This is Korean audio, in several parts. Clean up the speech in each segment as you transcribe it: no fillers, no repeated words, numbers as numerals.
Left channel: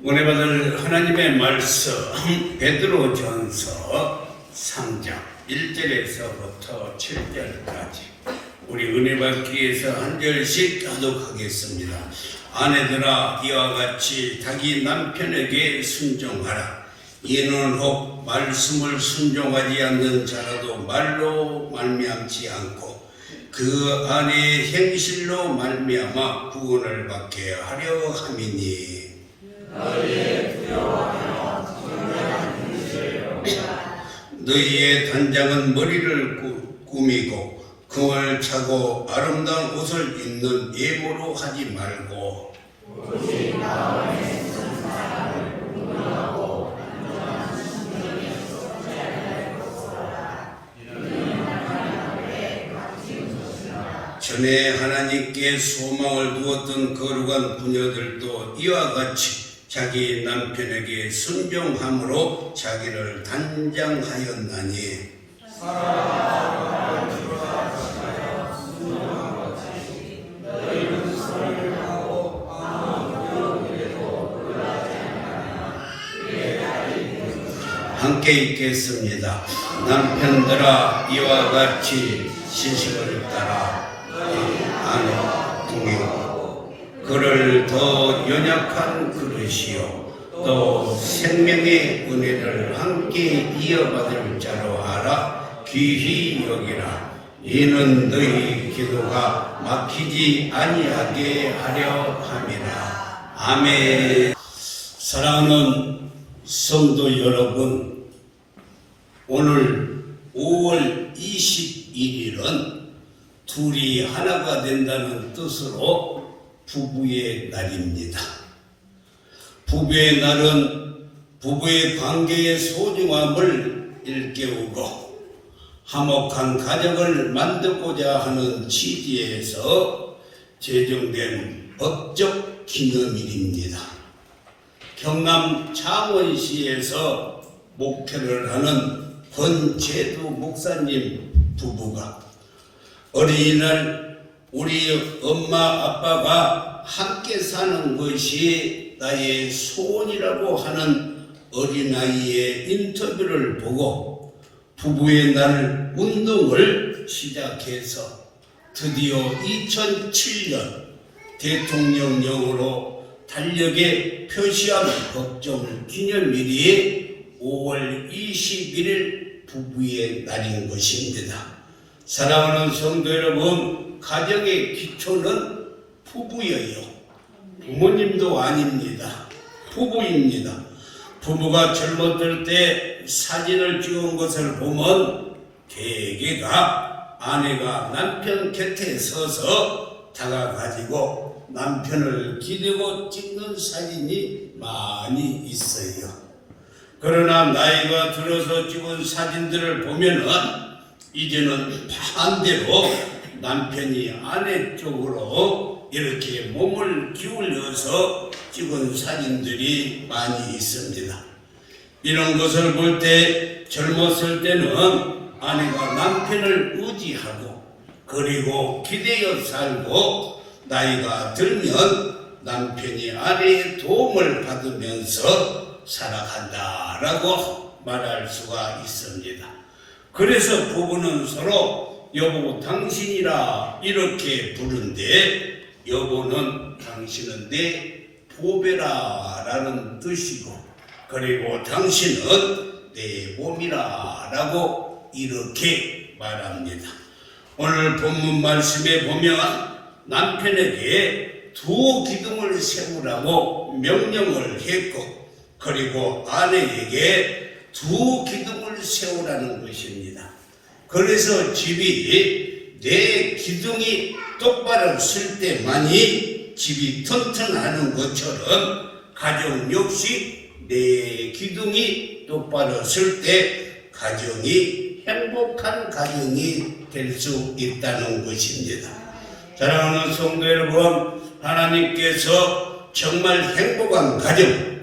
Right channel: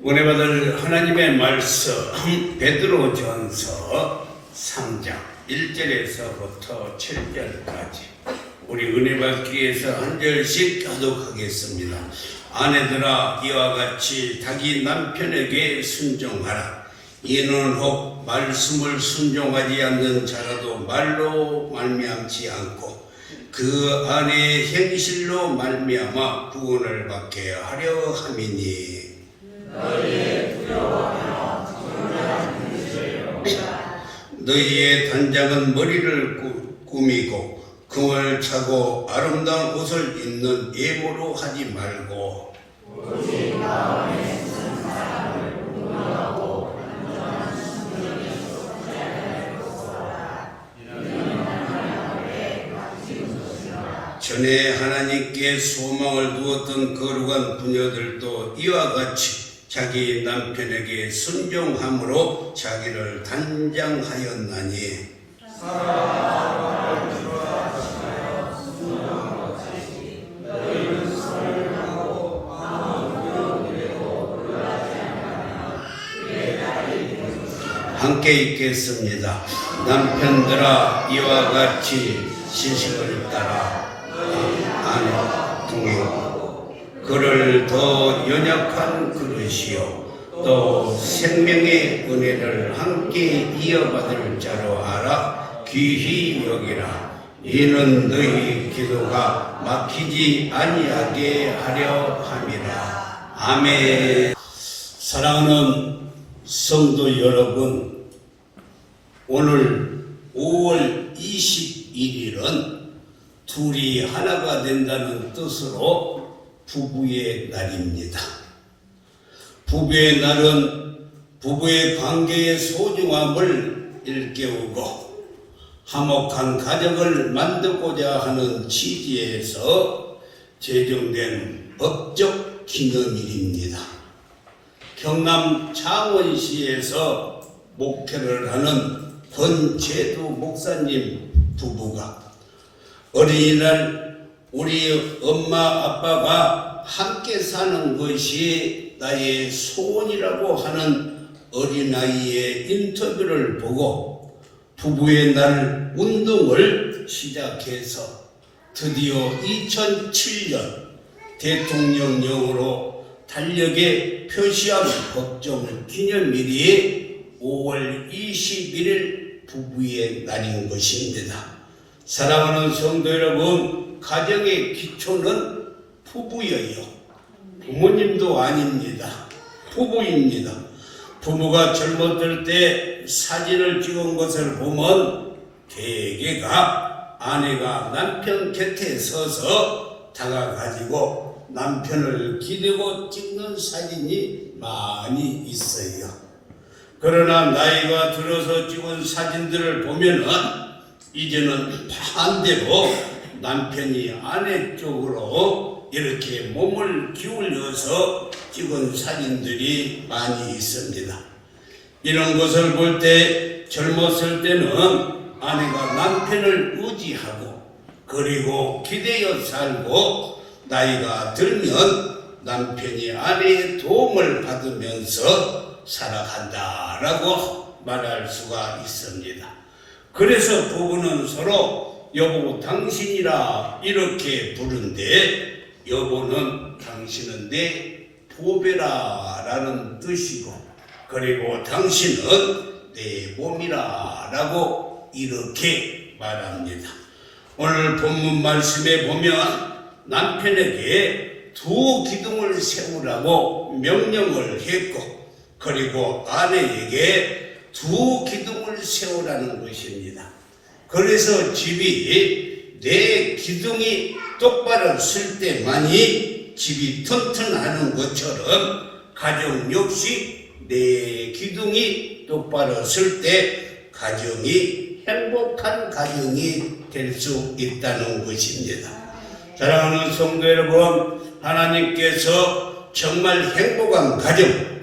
오늘 받을 하나님의 말씀 베드로전서 3장 1절에서부터 7절까지 우리 은혜 받기 위해서 한 절씩 교독하겠습니다. 아내들아 이와 같이 자기 남편에게 순종하라. 이는 혹 말씀을 순종하지 않는 자라도 말로 말미암지 않고 그 안에 행실로 말미암아 구원을 받게 하려 함이니 너희의 단장은 머리를 꾸미고 금을 차고 아름다운 옷을 입는 예모로 하지 말고 전에 하나님께 소망을 두었던 거룩한 부녀들도 이와 같이 자기 남편에게 순종함으로 자기를 단장하였나니 함께 읽겠습니다. 남편들아 이와 같이 시식을 따라 아내 중에 그를 더 연약한 그릇이요 또 생명의 은혜를 함께 이어받을 자로 알아 귀히 여기라. 이는 너희 기도가 막히지 아니하게 하려 함이라. 아멘. 사랑하는 성도 여러분, 오늘 5월 21일은 둘이 하나가 된다는 뜻으로 부부의 날입니다. 부부의 날은 부부의 관계의 소중함을 일깨우고 화목한 가정을 만들고자 하는 취지에서 제정된 법적 기념일입니다. 경남 창원시에서 목회를 하는 권재두 목사님 부부가 어린이날 우리 엄마 아빠가 함께 사는 것이 나의 소원이라고 하는 어린아이의 인터뷰를 보고 부부의 날 운동을 시작해서 드디어 2007년 대통령령으로 달력에 표시한 법정 기념일이 5월 21일 부부의 날인 것입니다. 사랑하는 성도 여러분, 가정의 기초는 부부예요. 부모님도 아닙니다. 부부입니다. 부부가 젊었을 때 사진을 찍은 것을 보면 대개가 아내가 남편 곁에 서서 다가가지고 남편을 기대고 찍는 사진이 많이 있어요. 그러나 나이가 들어서 찍은 사진들을 보면은 이제는 반대로 남편이 아내 쪽으로 이렇게 몸을 기울여서 찍은 사진들이 많이 있습니다. 이런 것을 볼 때 젊었을 때는 아내가 남편을 의지하고 그리고 기대어 살고 나이가 들면 남편이 아내의 도움을 받으면서 살아간다라고 말할 수가 있습니다. 그래서 부부는 서로 여보 당신이라 이렇게 부른데 여보는 당신은 내 보배라 라는 뜻이고 그리고 당신은 내 몸이라 라고 이렇게 말합니다. 오늘 본문 말씀에 보면 남편에게 두 기둥을 세우라고 명령을 했고 그리고 아내에게 두 기둥을 세우라는 것입니다. 그래서 집이 내 기둥이 똑바로 설 때만이 집이 튼튼하는 것처럼 가정 역시 내 기둥이 똑바로 설 때 가정이 행복한 가정이 될 수 있다는 것입니다. 사랑하는 성도 여러분, 하나님께서 정말 행복한 가정,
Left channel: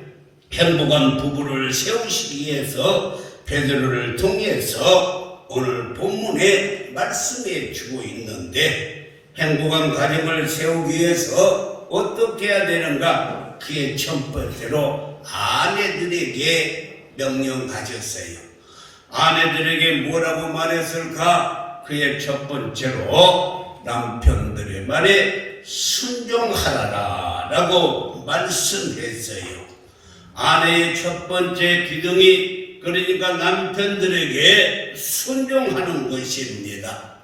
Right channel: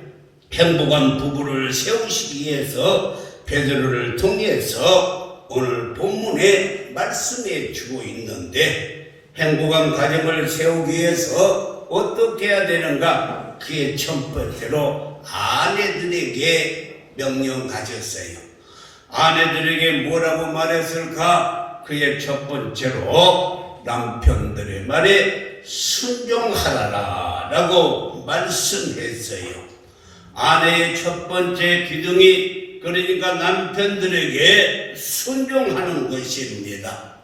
행복한 부부를 세우시기 위해서 베드로를 통해서 오늘 본문에 말씀해 주고 있는데 행복한 가정을 세우기 위해서 어떻게 해야 되는가? 그의 첫 번째로 아내들에게 명령하셨어요. 아내들에게 뭐라고 말했을까? 그의 첫 번째로 남편들의 말에 순종하라라 라고 말씀했어요. 아내의 첫 번째 기둥이 그러니까 남편들에게 순종하는 것입니다.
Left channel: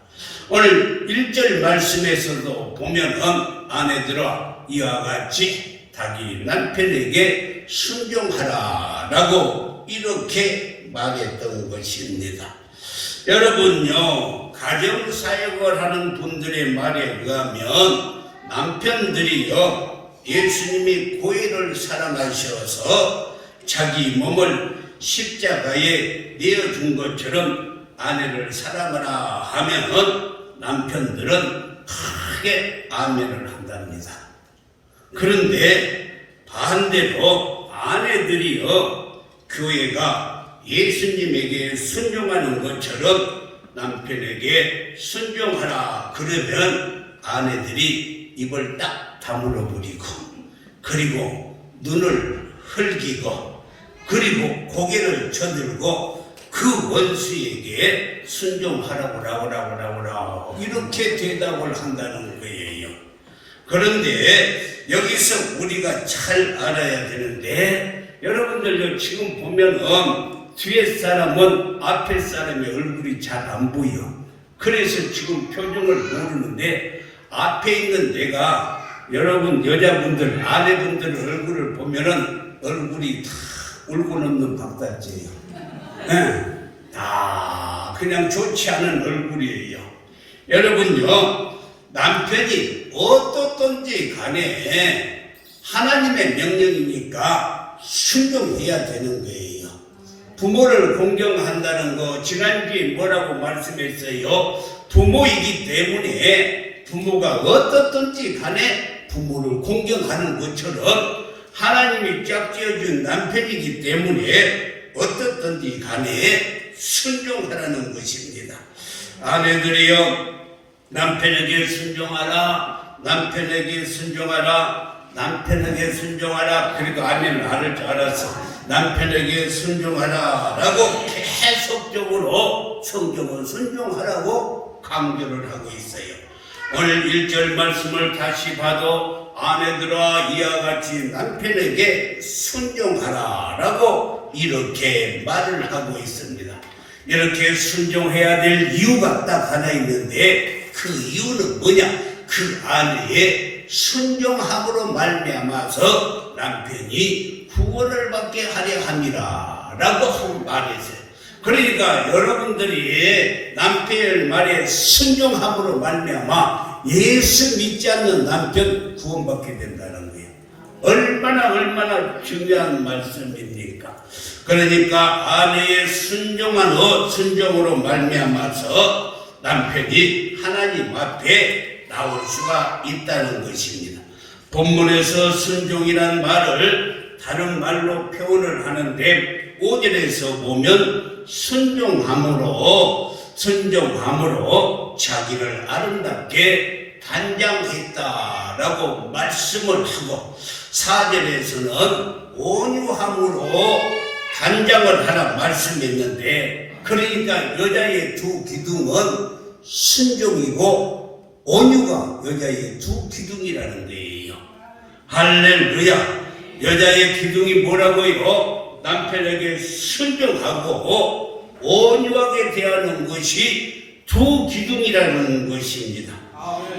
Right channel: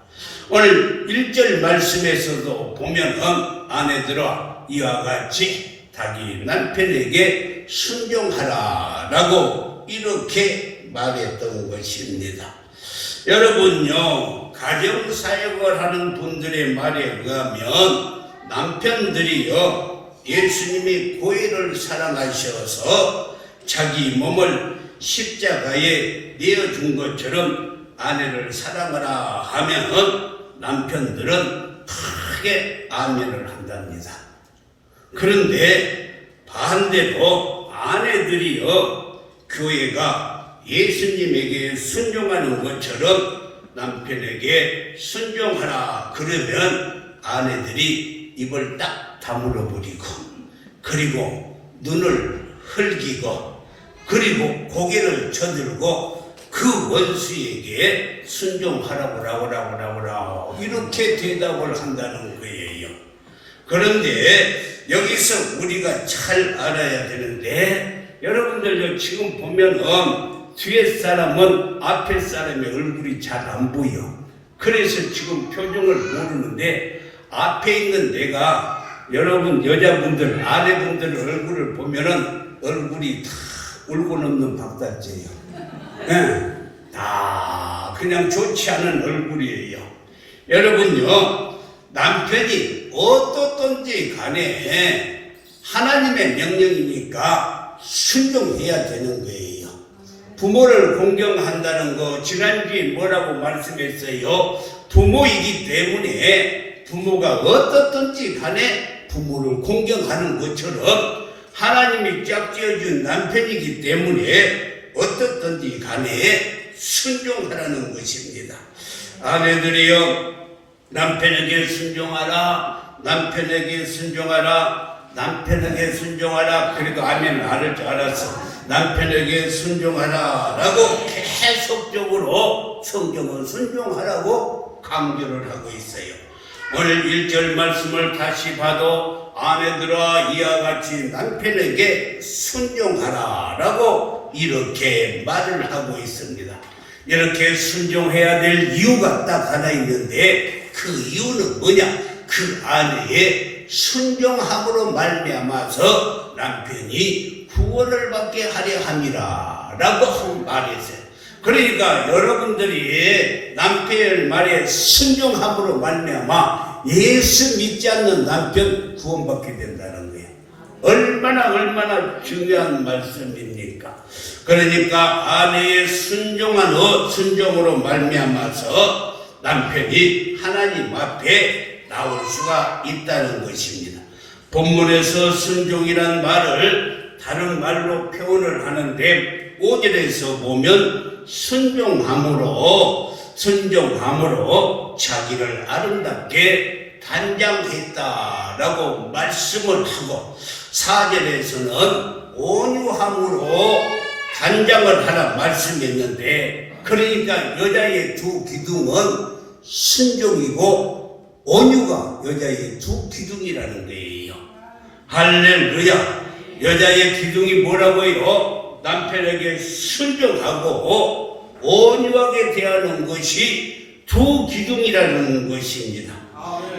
오늘 1절 말씀에서도 보면은 아내들아 이와 같이 자기 남편에게 순종하라 라고 이렇게 말했던 것입니다. 여러분요, 가정사역을 하는 분들의 말에 의하면 남편들이요 예수님이 교회를 사랑하셔서 자기 몸을 십자가에 내어준 것처럼 아내를 사랑하라 하면 남편들은 크게 아멘을 한답니다. 그런데 반대로 아내들이요 교회가 예수님에게 순종하는 것처럼 남편에게 순종하라 그러면 아내들이 입을 딱 다물어 버리고 그리고 눈을 흘기고 그리고 고개를 저들고 그 원수에게 순종하라고 이렇게 대답을 한다는 거예요. 그런데 여기서 우리가 잘 알아야 되는데 여러분들 지금 보면은 뒤에 사람은 앞에 사람의 얼굴이 잘 안 보여. 그래서 지금 표정을 모르는데 앞에 있는 내가 여러분 여자분들 아내분들 얼굴을 보면은 얼굴이 다 울고 넘는 박달재예요. 다 그냥 좋지 않은 얼굴이에요. 여러분요 남편이 어떻든지 간에 하나님의 명령이니까 순종해야 되는 거예요. 부모를 공경한다는 거 지난주에 뭐라고 말씀했어요? 부모이기 때문에 부모가 어떻든지 간에 부모를 공경하는 것처럼 하나님이 짝지어준 남편이기 때문에 어떻든지 간에 순종하라는 것입니다. 아내들이요 남편에게 순종하라 남편에게 순종하라 남편에게 순종하라 그래도 아멘 말을 줄 알았어. 남편에게 순종하라 라고 계속적으로 성경은 순종하라고 강조를 하고 있어요. 오늘 1절 말씀을 다시 봐도 아내들아 이와 같이 남편에게 순종하라 라고 이렇게 말을 하고 있습니다. 이렇게 순종해야 될 이유가 딱 하나 있는데 그 이유는 뭐냐? 그 아내의 순종함으로 말미암아서 남편이 구원을 받게 하려 함이라 라고 한 말이었어요. 그러니까 여러분들이 남편의 말에 순종함으로 말미암아 예수 믿지 않는 남편 구원받게 된다는 거예요. 얼마나 중요한 말씀입니까? 그러니까 아내의 순종으로 말미암아서 남편이 하나님 앞에 나올 수가 있다는 것입니다. 본문에서 순종이라는 말을 다른 말로 표현을 하는데 5절에서 보면 순종함으로 자기를 아름답게 단장했다라고 말씀을 하고 4절에서는 온유함으로 단장을 하라 말씀했는데 그러니까 여자의 두 기둥은 순종이고 온유가 여자의 두 기둥이라는 거예요. 할렐루야. 여자의 기둥이 뭐라고요? 남편에게 순종하고 온유하게 대하는 것이 두 기둥이라는 것입니다.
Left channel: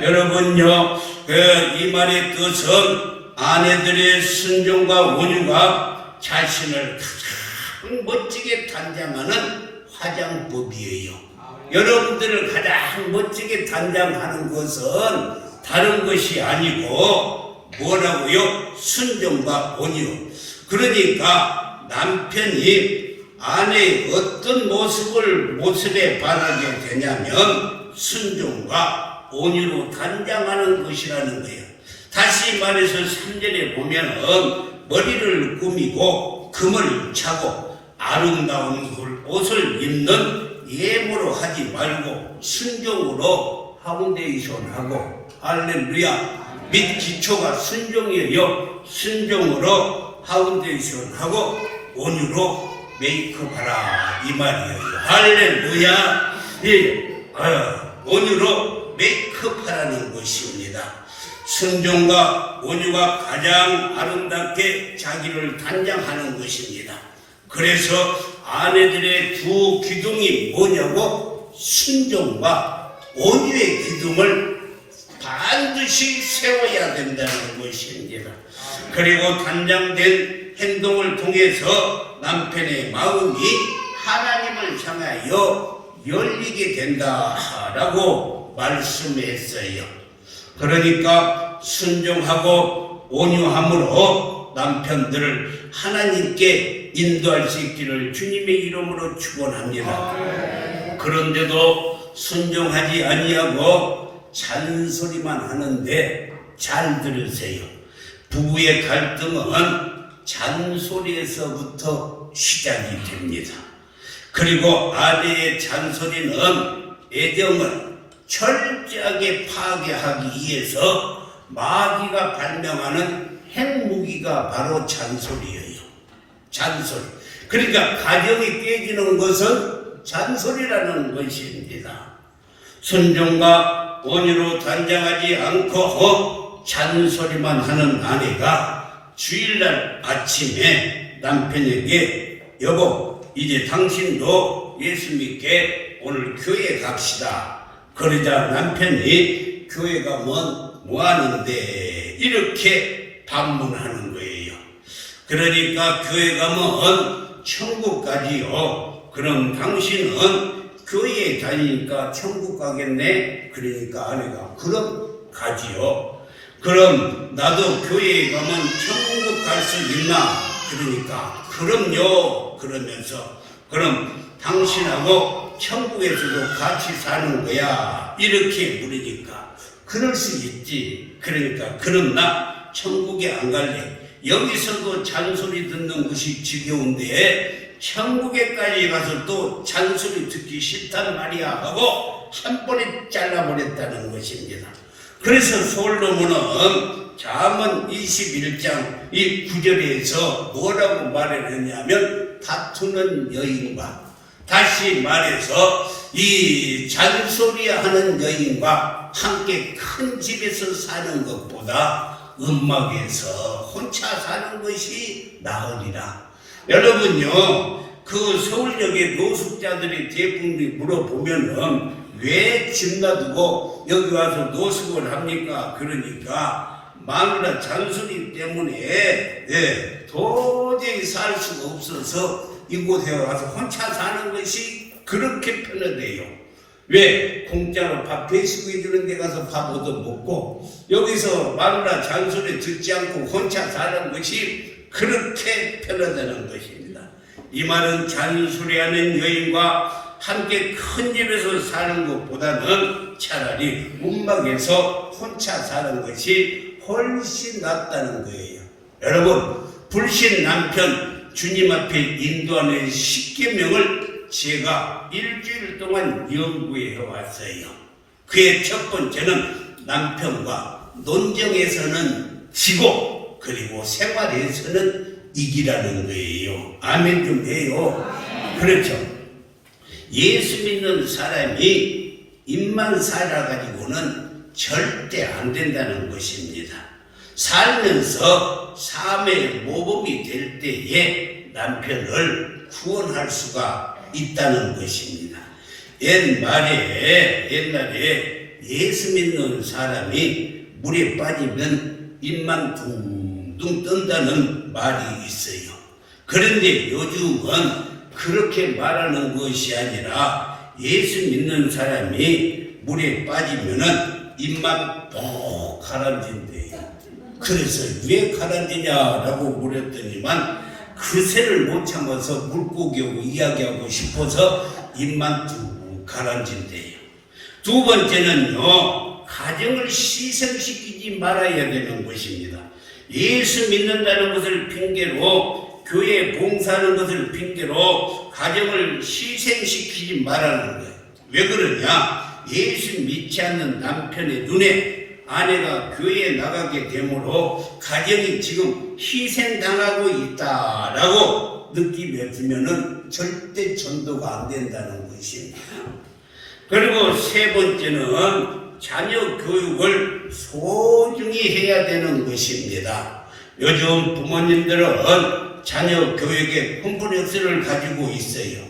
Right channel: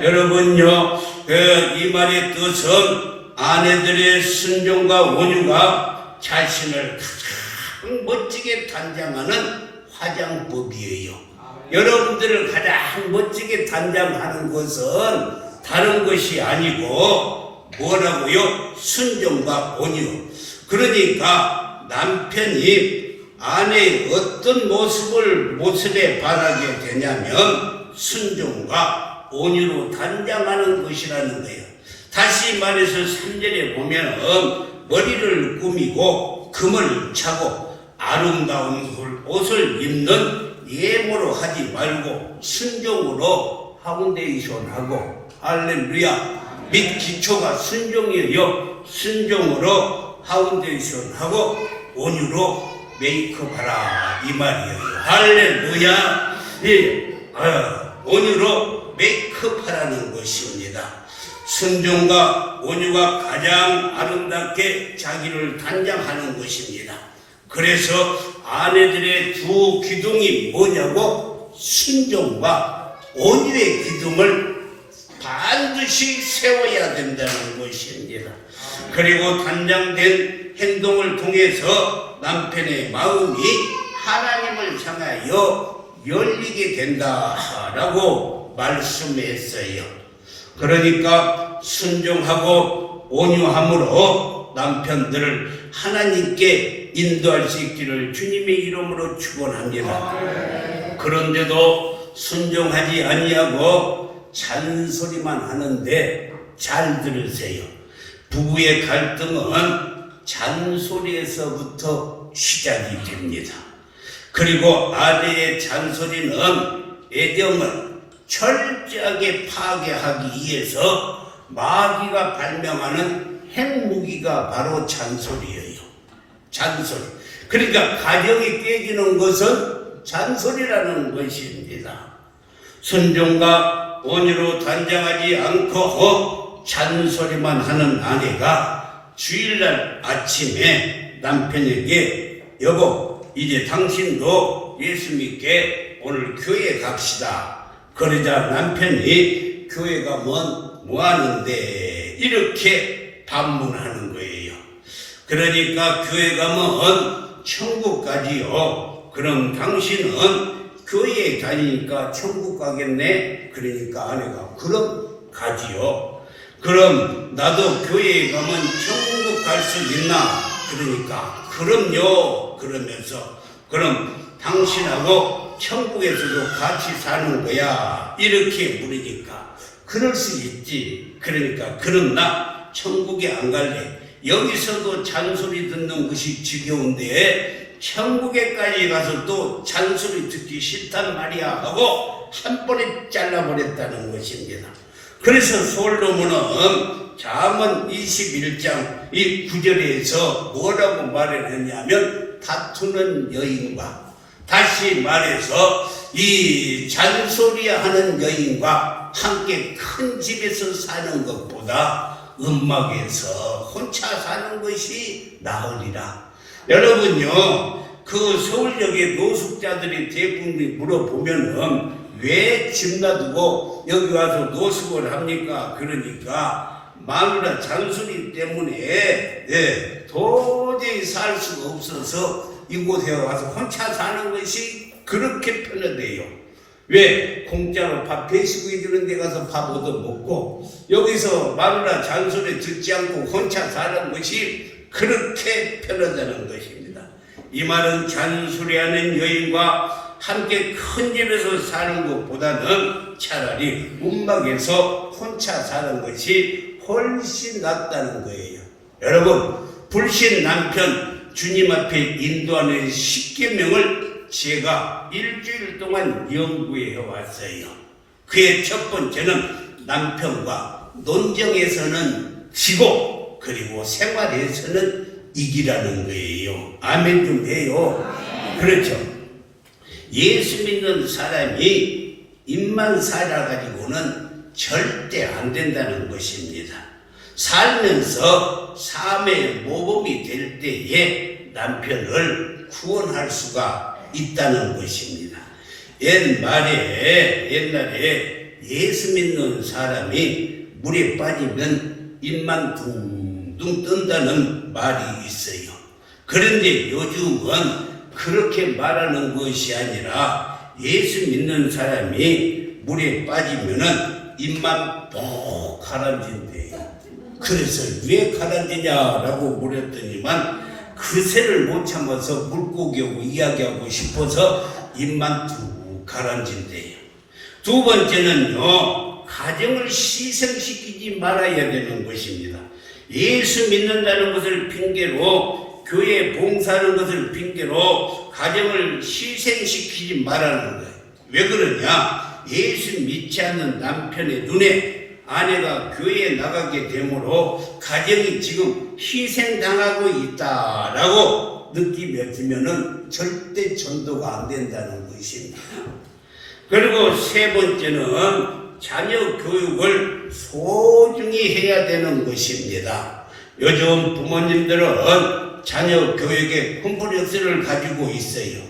여러분요, 이 말의 뜻은 아내들의 순종과 온유가 자신을 가장 멋지게 단장하는 화장법이에요. 여러분들을 가장 멋지게 단장하는 것은 다른 것이 아니고 뭐라고요? 순종과 온유. 그러니까 남편이 아내의 어떤 모습에 반하게 되냐면 순종과 온유로 단장하는 것이라는 거예요. 다시 말해서 3절에 보면은 머리를 꾸미고 금을 차고 아름다운 옷을 입는 예모로 하지 말고 순종으로 파운데이션 하고 할렐루야 및 기초가 순종이에요. 순종으로 파운데이션 하고 온유로 메이크업 하라 이 말이에요. 할렐루야. 온유로 메이크업 하라는 것입니다. 순종과 온유가 가장 아름답게 자기를 단장하는 것입니다. 그래서 아내들의 두 기둥이 뭐냐고, 순종과 온유의 기둥을 반드시 세워야 된다는 것입니다. 그리고 단장된 행동을 통해서 남편의 마음이 하나님을 향하여 열리게 된다라고 말씀했어요. 그러니까 순종하고 온유함으로 남편들을 하나님께 인도할 수 있기를 주님의 이름으로 축원합니다. 그런데도 순종하지 아니하고 잔소리만 하는데 잘 들으세요. 부부의 갈등은 잔소리에서부터 시작이 됩니다. 그리고 아내의 잔소리는 애정을 철저하게 파괴하기 위해서 마귀가 발명하는 핵무기가 바로 잔소리예요. 잔소리. 그러니까 가정이 깨지는 것은 잔소리라는 것입니다. 순종과 온유로 단장하지 않고 잔소리만 하는 아내가 주일날 아침에 남편에게 여보, 이제 당신도 예수 믿게 오늘 교회 갑시다. 그러자 남편이 교회 가면 뭐 하는데 이렇게 반문하는 거예요. 그러니까 교회 가면 천국 가지요. 그럼 당신은 교회에 다니니까 천국 가겠네. 그러니까 아내가 그럼 가지요. 그럼 나도 교회에 가면 천국 갈 수 있나? 그러니까 그럼요. 그러면서 그럼 당신하고 천국에서도 같이 사는 거야. 이렇게 물으니까 그럴 수 있지. 그러니까 그럼 나 천국에 안 갈래. 여기서도 잔소리 듣는 것이 지겨운데 천국에까지 가서 또 잔소리 듣기 싫다는 말이야 하고 한 번에 잘라버렸다는 것입니다. 그래서 솔로몬은 잠언 21장 이 9절에서 뭐라고 말을 했냐면 다투는 여인과, 다시 말해서 이 잔소리하는 여인과 함께 큰 집에서 사는 것보다 음막에서 혼자 사는 것이 나으리라. 여러분요, 그 서울역의 노숙자들이 대부분 물어보면은 왜 집 놔두고 여기 와서 노숙을 합니까? 그러니까 마누라 잔소리 때문에 도저히 살 수가 없어서 이곳에 와서 혼자 사는 것이 그렇게 편하대요. 왜? 공짜로 밥 배식해 주는 데 가서 밥 얻어먹고 여기서 마누라 잔소리 듣지 않고 혼자 사는 것이 그렇게 편하다는 것입니다. 이 말은 잔소리하는 여인과 함께 큰 집에서 사는 것보다는 차라리 움막에서 혼자 사는 것이 훨씬 낫다는 거예요. 여러분, 불신 남편 주님 앞에 인도하는 10계명을 제가 일주일 동안 연구해 왔어요. 그의 첫 번째는 남편과 논쟁에서는 지고 그리고 생활에서는 이기라는 거예요. 아멘 좀 해요. 그렇죠. 예수 믿는 사람이 입만 살아가지고는 절대 안 된다는 것입니다. 살면서 삶의 모범이 될 때에 남편을 구원할 수가 있다는 것입니다. 옛날에 예수 믿는 사람이 물에 빠지면 입만 둥둥 뜬다는 말이 있어요. 그런데 요즘은 그렇게 말하는 것이 아니라 예수 믿는 사람이 물에 빠지면은 입만 푹 가라앉는데요. 그래서 왜 가라앉느냐라고 물었더니만 그새를 못 참아서 물고기하고 이야기하고 싶어서 입만 툭 가라앉는데요. 두 번째는요, 가정을 희생시키지 말아야 되는 것입니다. 예수 믿는다는 것을 핑계로 교회에 봉사하는 것을 핑계로 가정을 희생시키지 말라는 거예요. 왜 그러냐? 예수 믿지 않는 남편의 눈에 아내가 교회에 나가게 되므로 가정이 지금 희생당하고 있다라고 느낌이 없으면은 절대 전도가 안 된다는 것입니다. 그리고 세 번째는 자녀 교육을 소중히 해야 되는 것입니다. 요즘 부모님들은 자녀 교육에 컴플렉스를 가지고 있어요.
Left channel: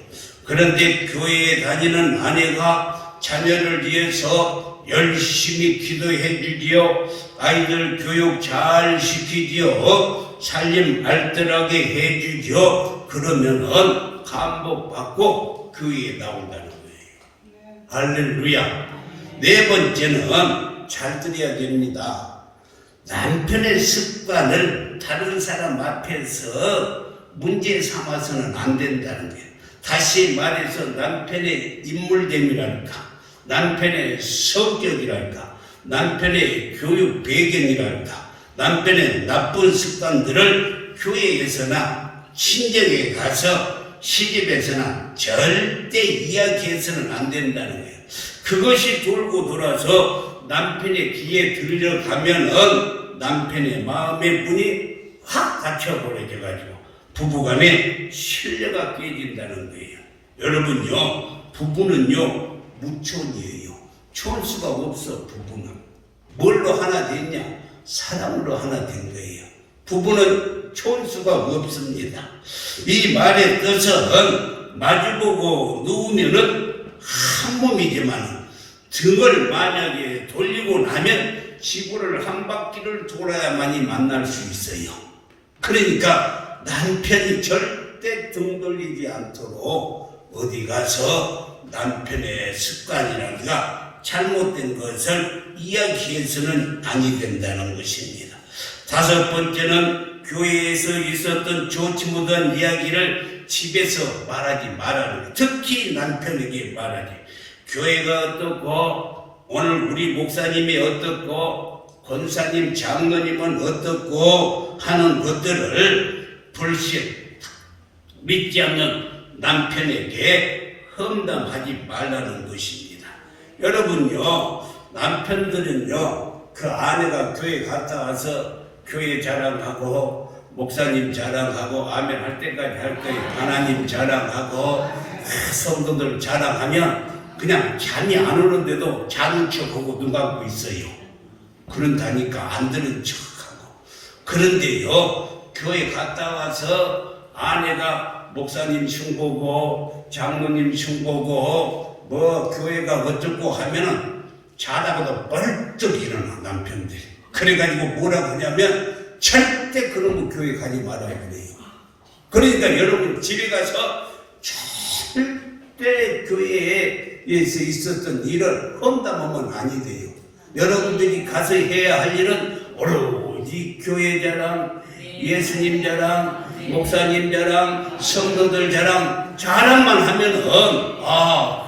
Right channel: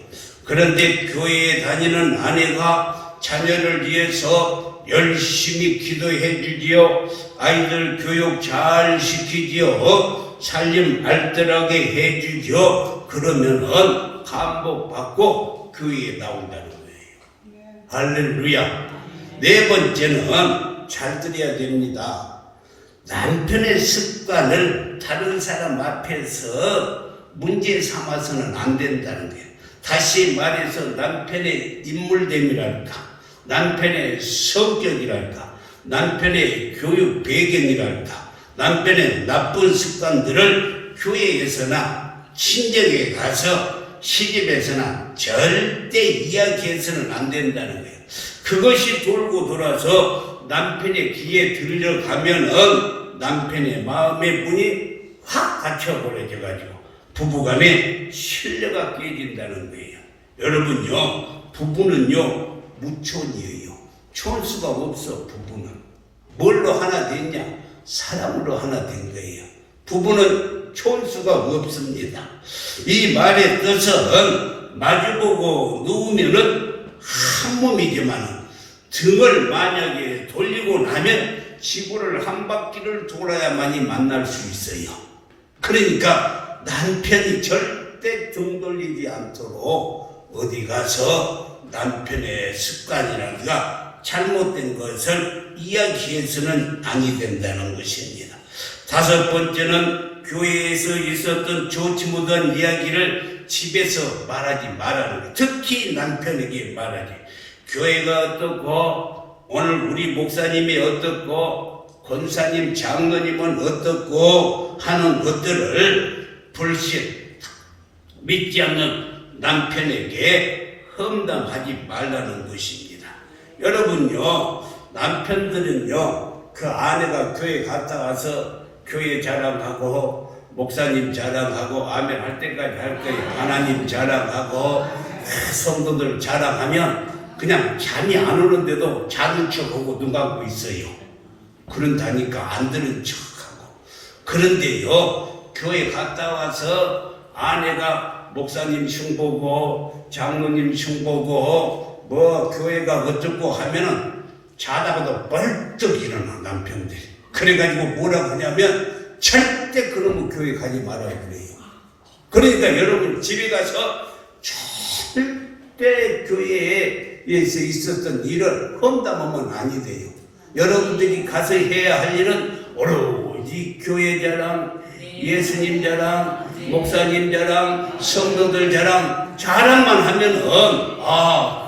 그런데 교회에 다니는 아내가 자녀를 위해서 열심히 기도해 주지요. 아이들 교육 잘 시키지요. 살림 알뜰하게 해 주지요. 그러면은 감복받고 교회에 나온다는 거예요. 할렐루야. 네 번째는 잘 들어야 됩니다. 남편의 습관을 다른 사람 앞에서 문제 삼아서는 안 된다는 거예요. 다시 말해서 남편의 인물됨이랄까, 남편의 성격이랄까, 남편의 교육 배경이랄까, 남편의 나쁜 습관들을 교회에서나 친정에 가서 시집에서나 절대 이야기해서는 안 된다는 거예요. 그것이 돌고 돌아서 남편의 귀에 들려가면은 남편의 마음의 문이 확 닫혀버려져가지고 부부간에 신뢰가 깨진다는 거예요. 여러분요, 부부는요 무촌이에요. 촌수가 없어. 부부는 뭘로 하나 됐냐? 사랑으로 하나 된 거예요. 부부는 촌수가 없습니다. 이 말의 뜻은 마주보고 누우면은 한 몸이지만 등을 만약에 돌리고 나면 지구를 한 바퀴를 돌아야만이 만날 수 있어요. 그러니까 남편이 절대 등 돌리지 않도록 어디 가서 남편의 습관이라든가 잘못된 것을 이야기해서는 아니 된다는 것입니다. 다섯 번째는 교회에서 있었던 좋지 못한 이야기를 집에서 말하지 말라는 것. 특히 남편에게 말하지. 교회가 어떻고 오늘 우리 목사님이 어떻고 권사님 장로님은 어떻고 하는 것들을 불신 믿지 않는 남편에게 험담하지 말라는 것입니다. 여러분요, 남편들은요 그 아내가 교회 갔다 와서 교회 자랑하고 목사님 자랑하고 아멘 할 때까지 할 거예요. 하나님 자랑하고 성도들 자랑하면 그냥 잠이 안 오는데도 자는 척하고 눈 감고 있어요. 그런다니까 안 듣는 척하고. 그런데요, 교회 갔다 와서 아내가 목사님 흉보고 장로님 흉보고 뭐 교회가 어쩌고 하면은 자다가도 벌떡 일어나 남편들이. 그래가지고 뭐라고 하냐면 절대 그놈의 교회 가지 말아야 그래요. 그러니까 여러분 집에 가서 절대 교회에서 있었던 일을 험담하면 아니 돼요. 여러분들이 가서 해야 할 일은 오로지 교회 자랑, 예수님 자랑, 목사님 자랑, 성도들 자랑, 자랑만 하면은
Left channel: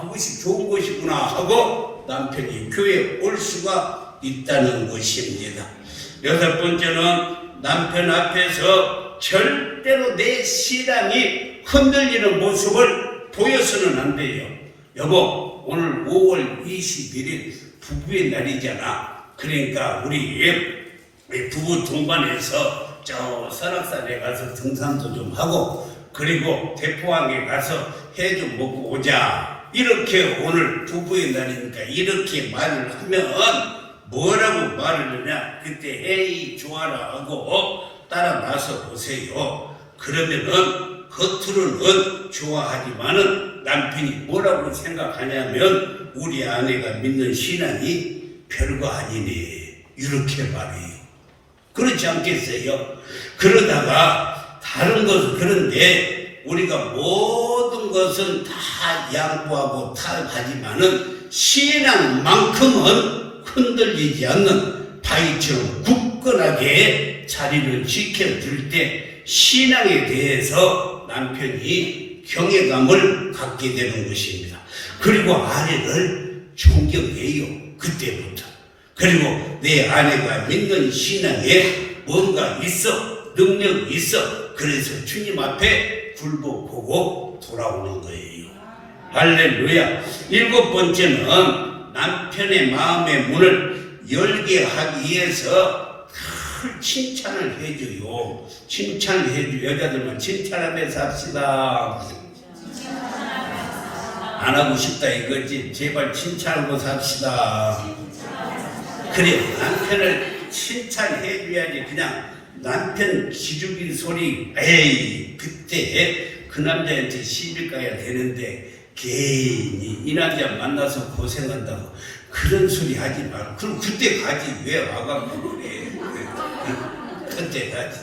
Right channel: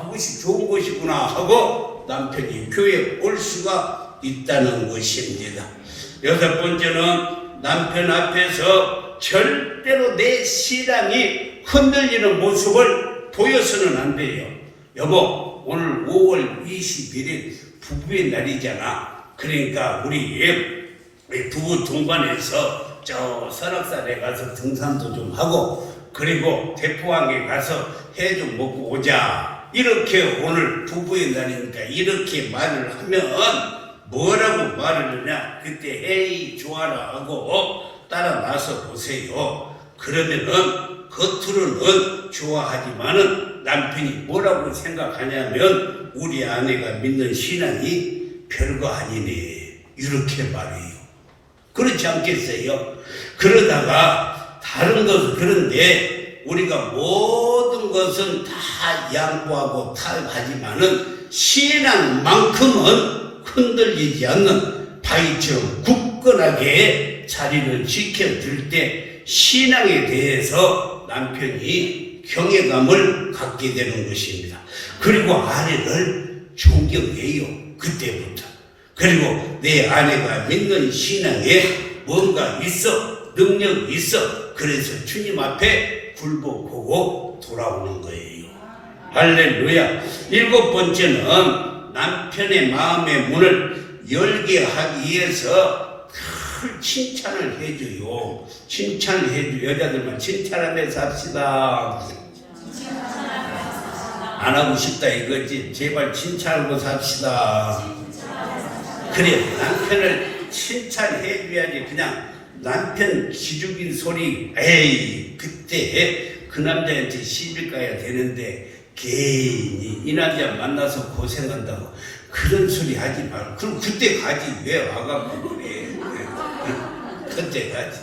그것이 좋은 것이구나 하고 남편이 교회에 올 수가 있다는 것입니다. 여섯 번째는 남편 앞에서 절대로 내 신앙이 흔들리는 모습을 보여서는 안 돼요. 여보, 오늘 5월 21일 부부의 날이잖아. 그러니까 우리 부부 동반해서 저 설악산에 가서 등산도 좀 하고 그리고 대포항에 가서 해 좀 먹고 오자. 이렇게 오늘 부부의 날이니까 이렇게 말을 하면 뭐라고 말을 하냐? 그때 에이 좋아라 하고 따라 나서 보세요. 그러면은 겉으로는 좋아하지만은 남편이 뭐라고 생각하냐면 우리 아내가 믿는 신앙이 별거 아니네 이렇게 말해요. 그렇지 않겠어요? 그러다가 다른 것은 그런데 우리가 모든 것은 다 양보하고 타협하지만은 신앙만큼은 흔들리지 않는 바위처럼 굳건하게 자리를 지켜줄 때 신앙에 대해서 남편이 경외감을 갖게 되는 것입니다. 그리고 아내를 존경해요. 그때부터. 그리고 내 아내가 믿는 신앙에 뭔가 있어, 능력이 있어. 그래서 주님 앞에 굴복하고 돌아오는 거예요. 할렐루야. 일곱 번째는 남편의 마음의 문을 열게 하기 위해서 늘 칭찬을 해줘요. 칭찬을 해줘. 여자들만 칭찬하면서 합시다. 안 하고 싶다 이거지. 제발 칭찬하고 삽시다. 그래, 남편을 칭찬해줘야지. 그냥 남편 기죽인 소리, 에이, 그때 그 남자한테 시집 가야 되는데 괜히 이 남자 만나서 고생한다고 그런 소리 하지 말고. 그럼 그때 가지. 왜 와갖고 그래. 그때 가지.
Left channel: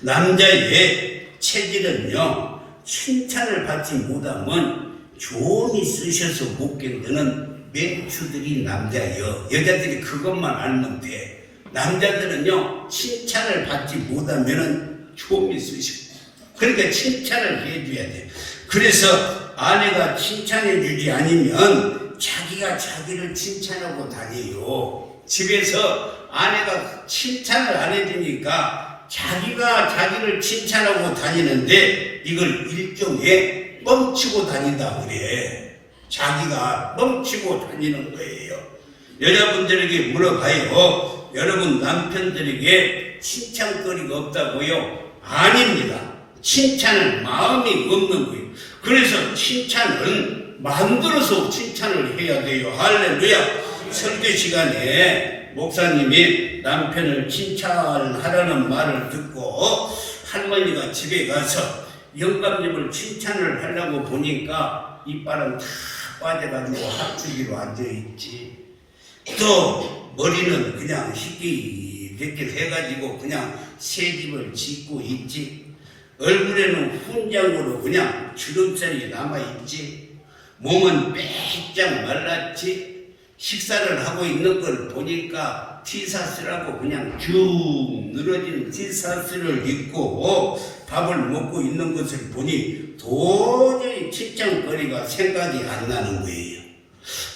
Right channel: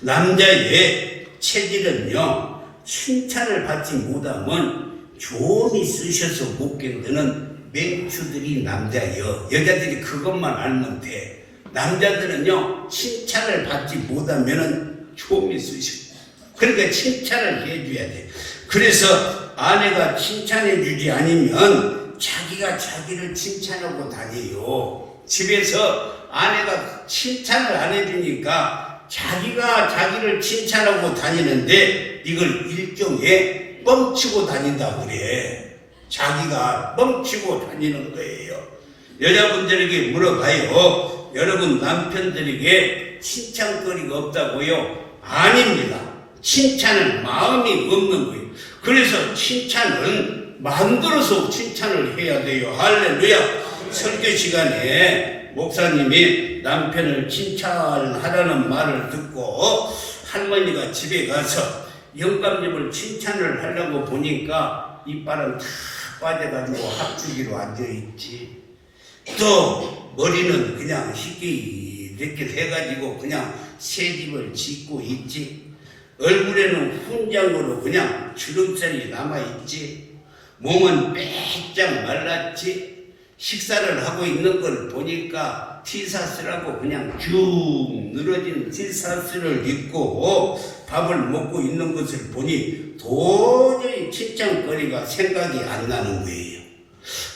남자의 체질은요, 칭찬을 받지 못하면 조언이 쓰셔서 못 견디는 맹추들이 남자예요. 여자들이 그것만 알면 돼. 남자들은요, 칭찬을 받지 못하면은 조언이 쓰셔. 그러니까 칭찬을 해줘야 돼. 그래서 아내가 칭찬해주지 않으면 자기가 자기를 칭찬하고 다녀요. 집에서 아내가 칭찬을 안 해주니까 자기가 자기를 칭찬하고 다니는데 이걸 일종의 뻥치고 다닌다 그래. 자기가 뻥치고 다니는 거예요. 여자분들에게 물어봐요. 여러분 남편들에게 칭찬거리가 없다고요? 아닙니다. 칭찬은 마음이 없는 거예요. 그래서 칭찬은 만들어서 칭찬을 해야 돼요. 할렐루야. 설교 시간에 목사님이 남편을 칭찬하라는 말을 듣고 할머니가 집에 가서 영감님을 칭찬을 하려고 보니까 이빨은 다 빠져가지고 합주기로 앉아있지. 또 머리는 그냥 희끼이렇게 해가지고 그냥 새집을 짓고 있지. 얼굴에는 훈장으로 그냥 주름살이 남아있지. 몸은 빼짝 말랐지. 식사를 하고 있는 걸 보니까 티셔츠라고 그냥 쭉 늘어진 티셔츠를 입고 밥을 먹고 있는 것을 보니 도저히 칭찬거리가 생각이 안 나는 거예요.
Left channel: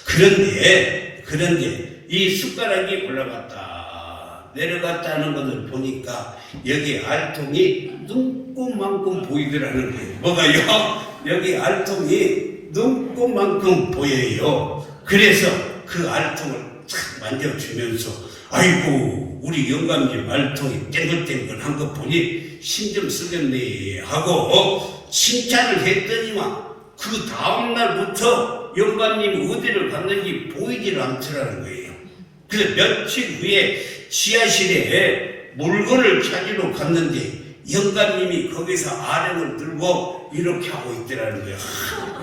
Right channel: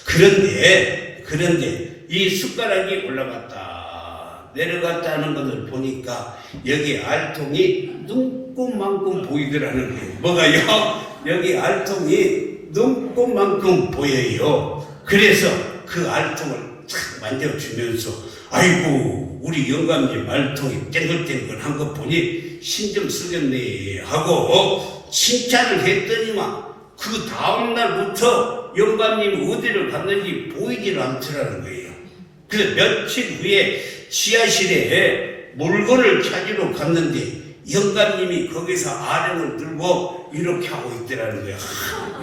그런데 이 숟가락이 올라갔다 내려갔다 하는 것을 보니까 여기 알통이 눈곱만큼 보이더라는 거예요. 뭐가요? 여기 알통이 눈곱만큼 보여요. 그래서 그 알통을 쫙 만져주면서 아이고 우리 영감님 알통이 땡글땡글한 거 보니 신경 쓰겠네 하고 칭찬을 했더니만 그 다음날부터 영감님이 어디를 갔는지 보이질 않더라는 거예요. 그래서 며칠 후에 지하실에 물건을 찾으러 갔는데 영감님이 거기서 아령을 들고 이렇게 하고 있더라는 거예요.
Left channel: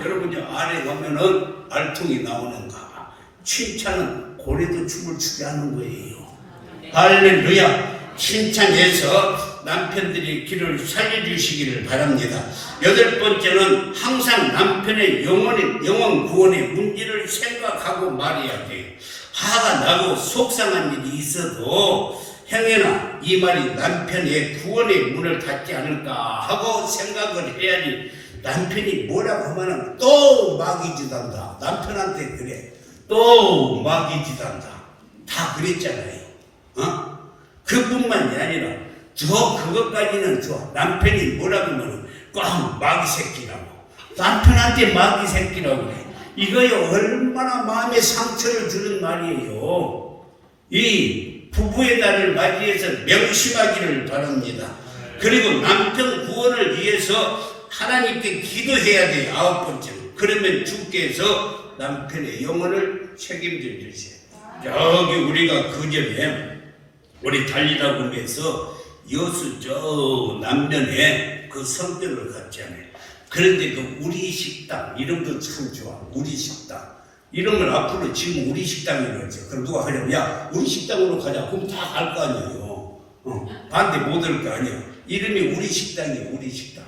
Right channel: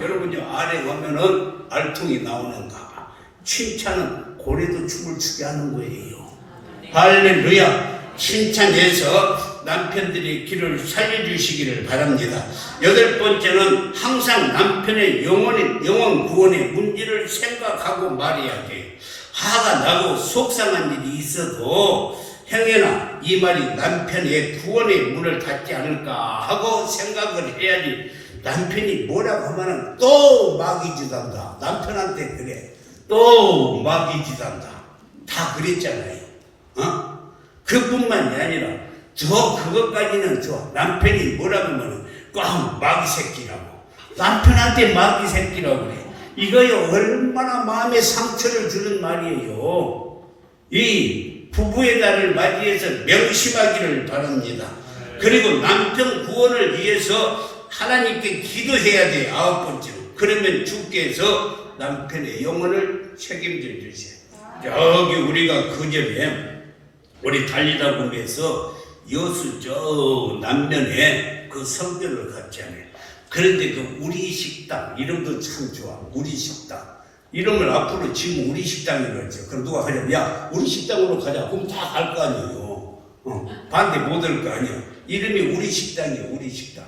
여러분이 아령 가면은 알통이 나오는가? 칭찬은 고래도 춤을 추게 하는 거예요. 할렐루야. 칭찬해서 남편들이 길을 살려주시기를 바랍니다. 8번째는 항상 남편의 영원 구원의 문제를 생각하고 말해야 돼요. 화가 나고 속상한 일이 있어도 행여나 이 말이 남편의 구원의 문을 닫지 않을까 하고 생각을 해야지. 남편이 뭐라고 하면은 또 마귀짓한다. 남편한테 그래. 또 마귀짓한다. 다 그랬잖아요. 그뿐만이 아니라 그것까지는 남편이 뭐라고 하면은 꽉 마귀 새끼라고. 남편한테 마귀 새끼라고 그래. 이거요 얼마나 마음에 상처를 주는 말이에요. 이 부부의 날을 맞이해서 명심하기를 바랍니다. 그리고 남편 구원을 위해서 하나님께 기도해야 돼요. 9번째로. 그러면 주께서 남편의 영혼을 책임져 주세요. 여기 우리가 그 전에 우리 달리다 보면서 여수 저 남면에 그 성전을 갔잖아요. 그런데도 우리 식당 이름도 참 좋아. 우리 식당 이름을 앞으로 지금 우리 식당이라고 했죠. 그럼 누가 하려면 야 우리 식당으로 가자. 그럼 다 갈 거 아니에요. 반대 못 할 거 아니에요. 이름이 우리 식당이에요. 우리 식당.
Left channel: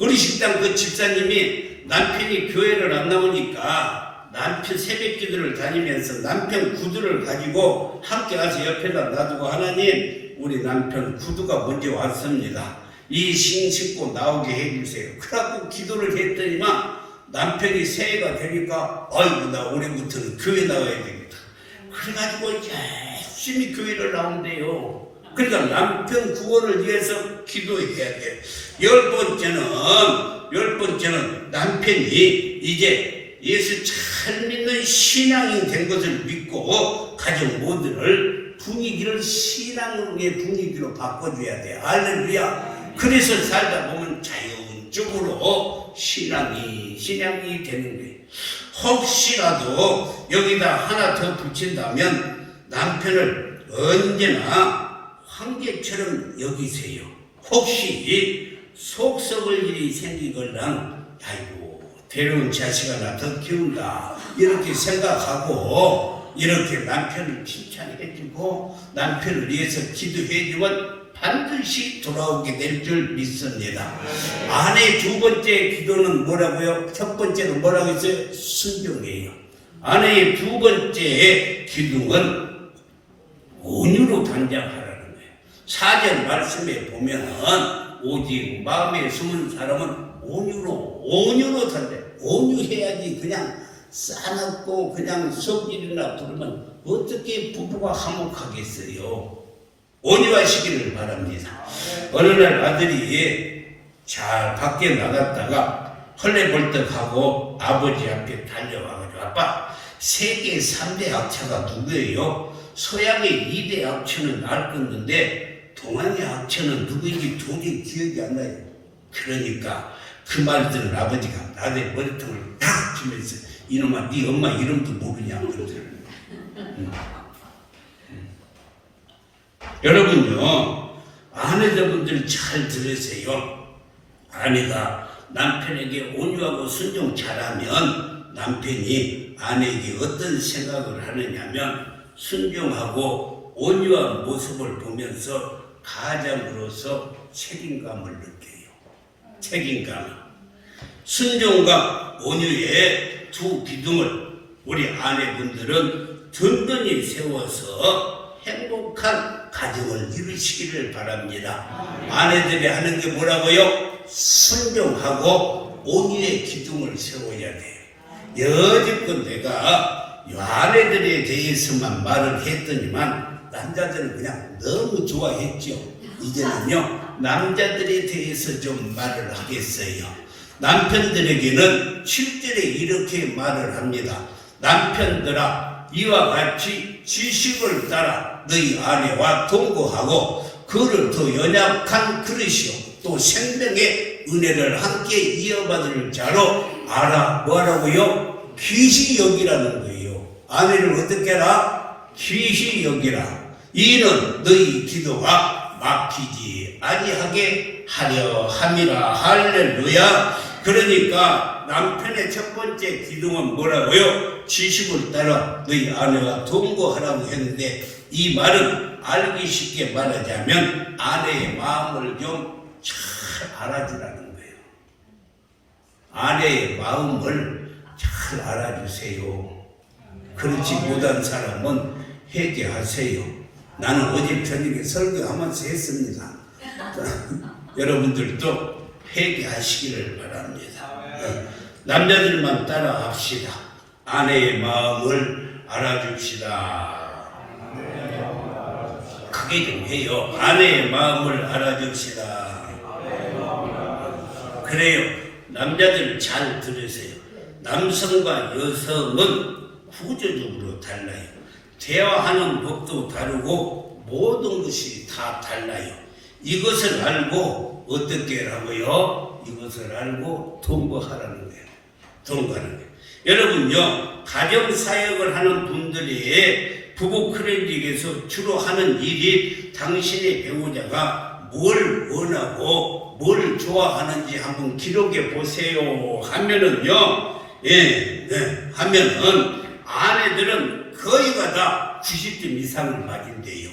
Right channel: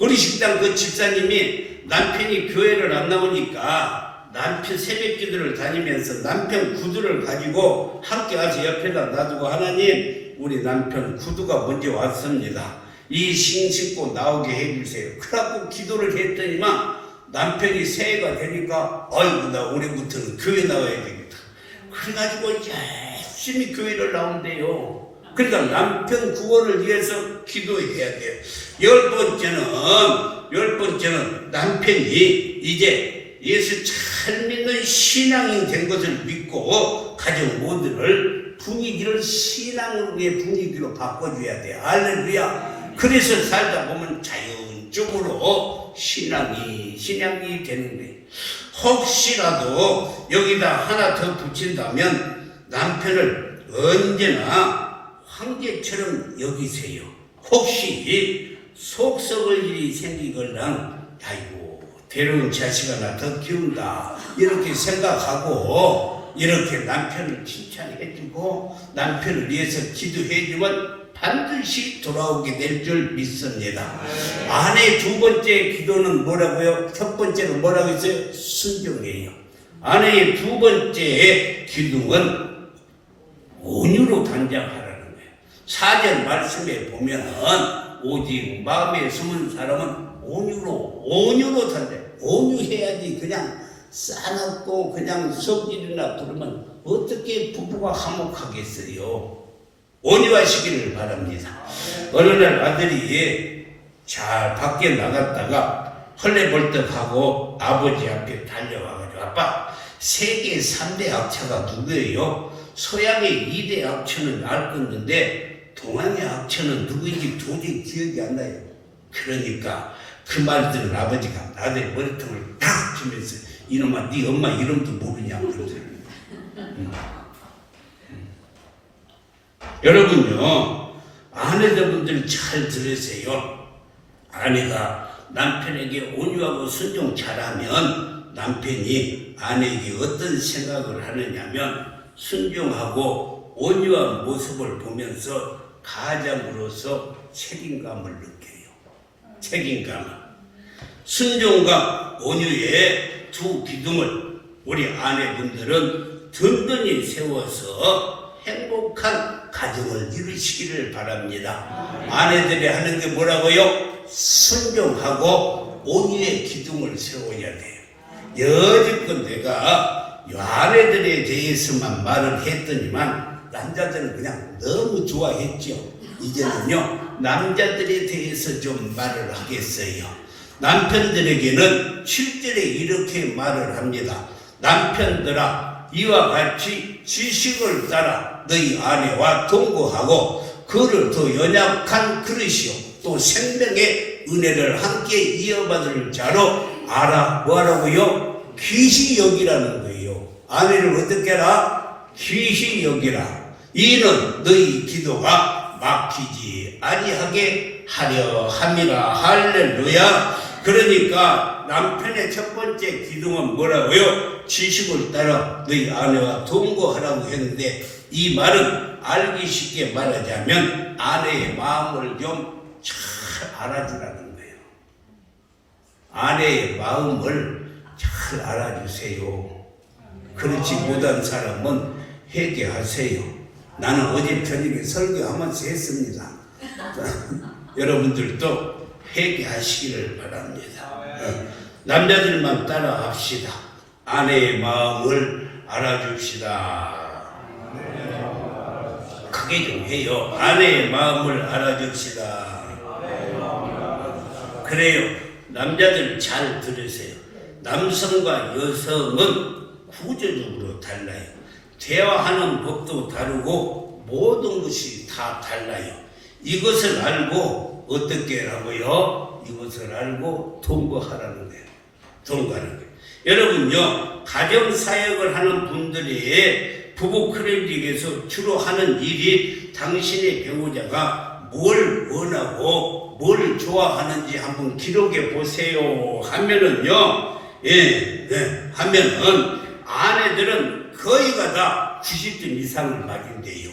우리 식당 그 집사님이 남편이 교회를 안 나오니까 남편 새벽 기도를 다니면서 남편 구두를 가지고 함께 와서 옆에다 놔두고 하나님 우리 남편 구두가 먼저 왔습니다. 이 신고 나오게 해주세요. 그러고 기도를 했더니만 남편이 새해가 되니까 아이고 나 올해부터는 교회 나와야 되겠다. 그래가지고 열심히 교회를 나온대요. 그러니까 남편 구원을 위해서 기도해야 돼. 10번째는 남편이 이제 예수 잘 믿는 신앙인 된 것을 믿고 가정 모두를 분위기를 신앙의 분위기로 바꿔줘야 돼. 할렐루야. 그래서 살다 보면 자연적으로 신앙이 되는 거예요. 혹시라도 여기다 하나 더 붙인다면 남편을 언제나 황제처럼 여기세요. 혹시 속 썩을 일이 생기거나 아이고 데려온 자식 하나 더 키운다 이렇게 생각하고 이렇게 남편을 칭찬해주고 남편을 위해서 기도해주면 반드시 돌아오게 될 줄 믿습니다. 아내 두 번째 기도는 뭐라고요? 첫 번째는 뭐라고 했어요? 순종이에요. 아내의 두 번째 기도는 온유로 단장하라는 거예요. 4절 말씀에 보면은 오직 마음에 숨은 사람은 온유로 단장. 온유해야지 그냥 싸납고 그냥 성질이나 부르면 어떻게 부부가 화목하겠어요? 온유하시기를 바랍니다. 어느 날 아들이 잘 밖에 나갔다가 헐레벌떡하고 아버지 앞에 달려와가지고 아빠 세계 3대 악체가 누구예요? 서양의 2대 악체는 알 건데 동양의 악체는 누구인지 도저히 기억이 안 나요. 그러니까 그 말 들은 아버지가 아들 머리통을 탁 치면서 이놈아 네 엄마 이름도 모르냐 그러죠. 여러분요 아내분들 잘 들으세요. 아내가 남편에게 온유하고 순종 잘하면 남편이 아내에게 어떤 생각을 하느냐면 순종하고 온유한 모습을 보면서 가장으로서 책임감을 느껴요. 책임감. 순종과 온유의 두 기둥을 우리 아내분들은 든든히 세워서 행복한 가정을 이루시기를 바랍니다. 아내들이 하는 게 뭐라고요? 순종하고 온유의 기둥을 세워야 돼. 여지껏 내가 아내들에 대해서만 말을 했더니만 남자들은 그냥 너무 좋아했죠. 이제는요 남자들에 대해서 좀 말을 하겠어요. 남편들에게는 실제로 이렇게 말을 합니다. 남편들아 이와 같이 지식을 따라 너희 아내와 동거하고 그를 더 연약한 그릇이요 또 생명의 은혜를 함께 이어받을 자로 알아. 뭐라고요? 귀시 여기라는 거예요. 아내를 어떻게 해라? 귀시 여기라. 이는 너희 기도가 막히지 아니하게 하려 함이라. 할렐루야. 그러니까 남편의 첫 번째 기둥은 뭐라고요? 지식을 따라 너희 아내와 동거하라고 했는데 이 말은 알기 쉽게 말하자면 아내의 마음을 좀 잘 알아주라는 거예요. 아내의 마음을 잘 알아주세요. 그렇지 못한 사람은 회개하세요. 나는 어제 저녁에 설교하면서 했습니다. 여러분들도 회개하시기를 바랍니다. 남자들만 따라합시다. 아내의 마음을 알아줍시다. 크게 좀 해요. 아내의 마음을 알아줍시다. 그래요. 남자들 잘 들으세요. 남성과 여성은 구조적으로 달라요. 대화하는 법도 다르고 모든 것이 다 달라요. 이것을 알고 어떻게 하고요? 이것을 알고 동거하라는 거예요. 동거하는 거예요. 여러분요, 가정사역을 하는 분들이 부부 클리닉에서 주로 하는 일이 당신의 배우자가 뭘 원하고 뭘 좋아하는지 한번 기록해 보세요 하면은요, 하면은 아내들은 거의가 다 90점 이상을 맞은대요.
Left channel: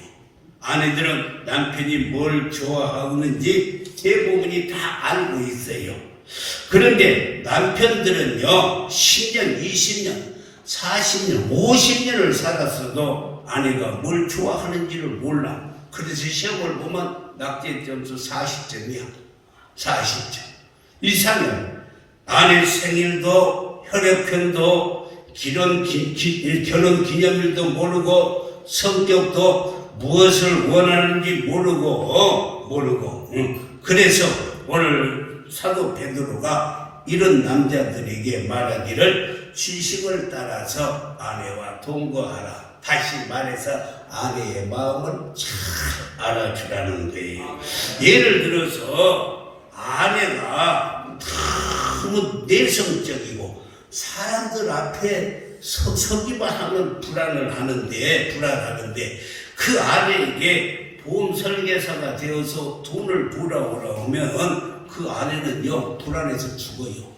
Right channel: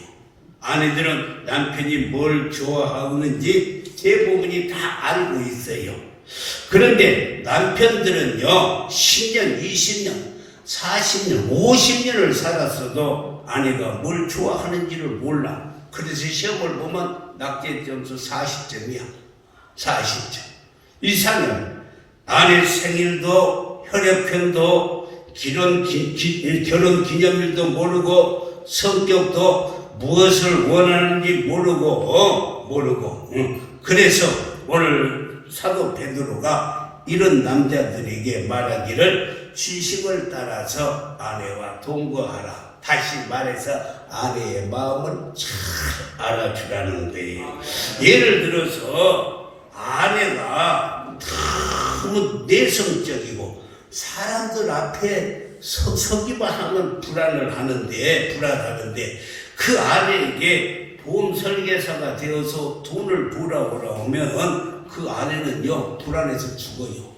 아내들은 남편이 뭘 좋아하는지 대부분이 다 알고 있어요. 그런데 남편들은요 10년, 20년, 40년, 50년을 살았어도 아내가 뭘 좋아하는지를 몰라. 그래서 시험을 보면 낙제 점수 40점이야. 40점 이상은 아내 생일도 혈액형도 결혼 기념일도 모르고 성격도 무엇을 원하는지 모르고 그래서 오늘 사도 베드로가 이런 남자들에게 말하기를 지식을 따라서 아내와 동거하라. 다시 말해서 아내의 마음을 잘 알아주라는 거예요. 예를 들어서 아내가 너무 내성적이고 사람들 앞에 서기만 하면 불안하는데 그 아내에게 보험 설계사가 되어서 돈을 벌어오면 그 아내는요 불안해서 죽어요.